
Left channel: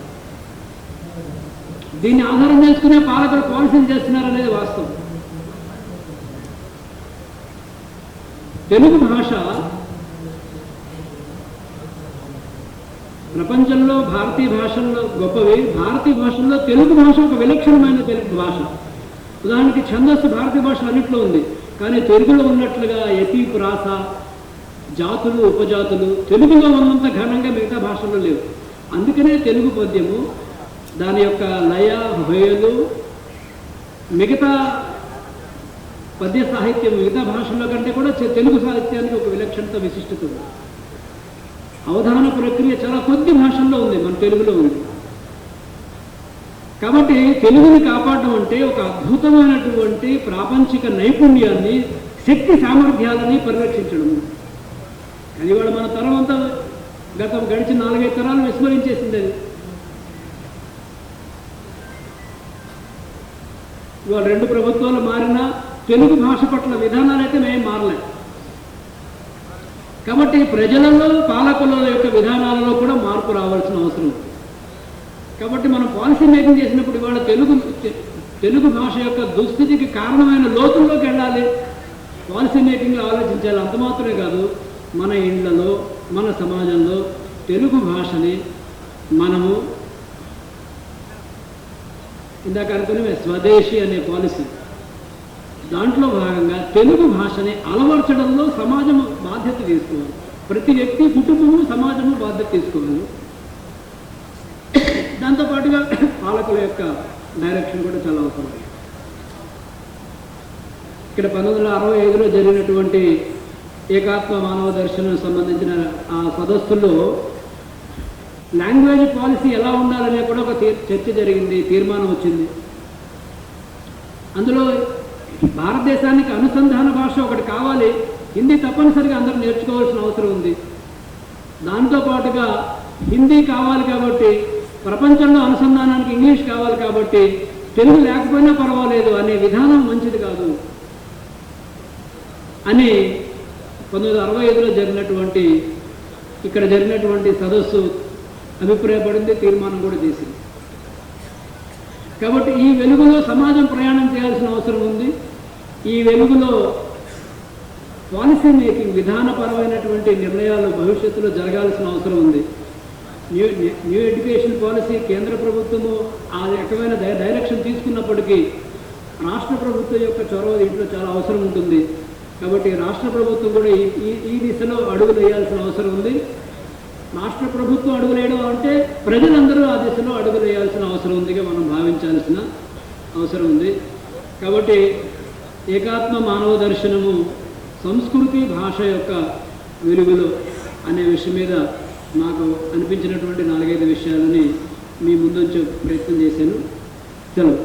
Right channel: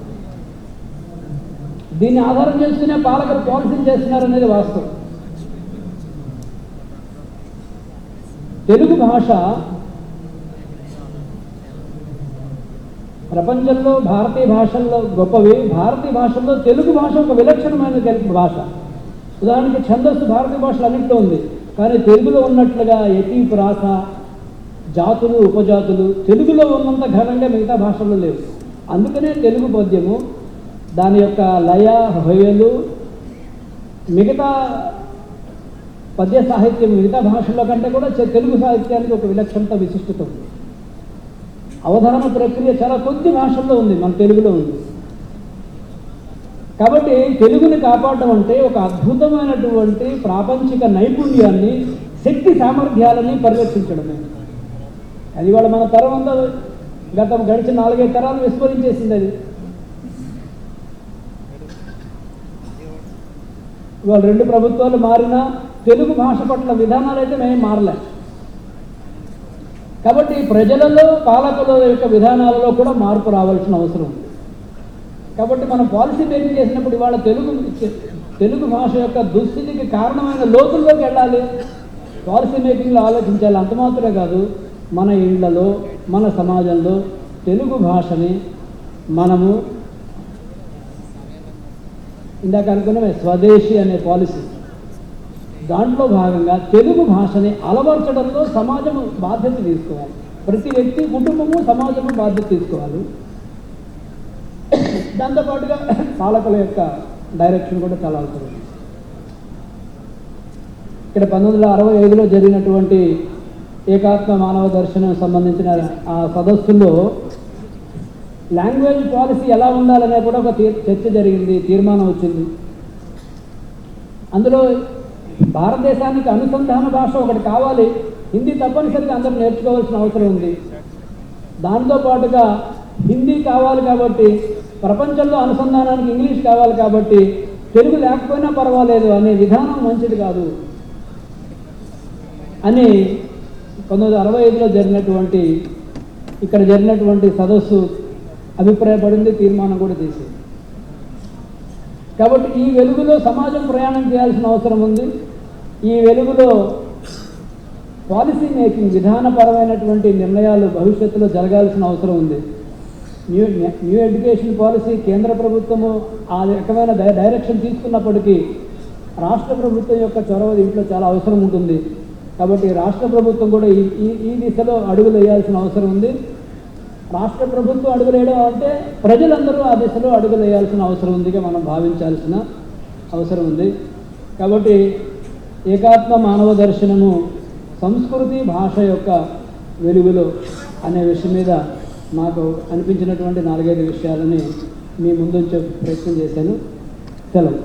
దీన్ని ఆధారం చేసుకునే పాలకులు పాలసీలు చేస్తున్నారనేది వాస్తవం. తెలుగు భాష ప్రపంచంలో భారతీయ భాషల్లో గొప్పవి. భారతీయ భాషల్లో తెలుగు భాష ఒక విలక్షణమైన తెలుగు భాష. ఉదాహరణకి ఛందస్సు భారతీయ భాష అన్నింటిలో ఉంది, కానీ తెలుగులో ఉన్నట్లుగా ఎపి ప్రాస, జాతులు, ఉపజాతులు తెలుగులో ఉన్నంత ఘనంగా మిగతా భాషల్లో లేవు. అందుకనే తెలుగు పద్యము దాని యొక్క లయ, హొయలు, మిగతా పద్య సాహిత్యం మిగతా భాషల కంటే కూడా తెలుగు సాహిత్యానికి ఒక విలక్షణత, విశిష్టత ఉంది. అవధాన ప్రక్రియ చాలా కొద్ది భాషల్లో ఉంది, మన తెలుగులో ఉంది. కాబట్టి తెలుగుని కాపాడడం అంటే ఒక అద్భుతమైనటువంటి ప్రాపంచిక నైపుణ్యాన్ని, శక్తి సామర్థ్యాలని పరిరక్షించడం. అది ఇవాళ మన తరం అంతా గడిచిన 4-5 తరాలు విస్మరించేసింది. అది ఇవాళ 2 ప్రభుత్వాలు మారినా తెలుగు భాష పట్ల విధానాలు అయితే మేము మారలే. కాబట్టి ప్రజలలో, పాలకుల యొక్క విధానాలలో కూడా మార్పు రావాల్సిన అవసరం ఉంది. కాబట్టి మనం పాలసీ మేకింగ్ చేసినప్పుడు ఇవాళ తెలుగు భాష యొక్క దుస్థితికి కారణమైన లోతుల్లోకి వెళ్ళాలి, పాలసీ మేకింగ్లో ఆలోచించాలి. అంత మాత్రమే కాదు, మన ఇండ్లలో, మన సమాజంలో తెలుగు భాషని మనము ఇందాక అనుకునే స్వదేశీ అనే పాలసీ, దాంట్లో భాగంగా తెలుగు భాషని అలవర్చడంలో సమాజం బాధ్యత తీసుకోవాలి. ప్రతి వ్యక్తి, కుటుంబము, సమాజము బాధ్యత తీసుకోవాలి. దాంతోపాటుగా పాలకుల యొక్క డైరెక్షన్ కూడా చాలా అవసరం. ఇక్కడ 1965లో జరిగినటువంటి ఏకాత్మ మానవ దర్శనం సంబంధించిన ఆ సదస్సులో లాంగ్వేజ్ పాలసీ ఎలా ఉండాలనే కూడా ఒక చర్చ జరిగింది, తీర్మానం వచ్చింది. అందులో భారతదేశానికి అనుసంధాన భాష ఒకటి కావాలి, హిందీ తప్పనిసరిగా అందరూ నేర్చుకోవాల్సిన అవసరం ఉంది. దాంతోపాటుగా హిందీ కావాలి కాబట్టి, ప్రపంచంలో అనుసంధానానికి ఇంగ్లీష్ కావాలి కాబట్టి తెలుగు లేకపోయినా పర్వాలేదు అనే విధానం మంచిది కాదు అని 1965లో జరిగినటువంటి ఇక్కడ జరిగినటువంటి సదస్సు అభిప్రాయపడింది, తీర్మానం కూడా చేసింది. కాబట్టి ఈ వెలుగులో సమాజం ప్రయాణం చేయాల్సిన అవసరం ఉంది. ఈ వెలుగులో పాలసీ మేకింగ్, విధానపరమైనటువంటి నిర్ణయాలు భవిష్యత్తులో జరగాల్సిన అవసరం ఉంది. న్యూ ఎడ్యుకేషన్ పాలసీ కేంద్ర ప్రభుత్వము ఆ రకమైన డైరెక్షన్ తీసుకున్నప్పటికీ రాష్ట్ర ప్రభుత్వం యొక్క చొరవ దీంట్లో చాలా అవసరం ఉంటుంది. కాబట్టి రాష్ట్ర ప్రభుత్వం కూడా ఈ దిశలో అడుగులు వేయాల్సిన అవసరం ఉంది. రాష్ట్ర ప్రభుత్వం అడుగులు వేయడం అంటే ప్రజలందరూ ఆ దిశలో అడుగులు వేయాల్సిన అవసరం ఉందిగా మనం భావించాల్సిన అవసరం ఉంది. కాబట్టి ఏకాత్మ మానవ దర్శనము సంస్కృతి భాష యొక్క వెలుగులో అనే విషయం మీద మాకు అనిపించినటువంటి 4-5 విషయాలని మీ ముందు వచ్చే ప్రయత్నం చేశాను. సెలవు.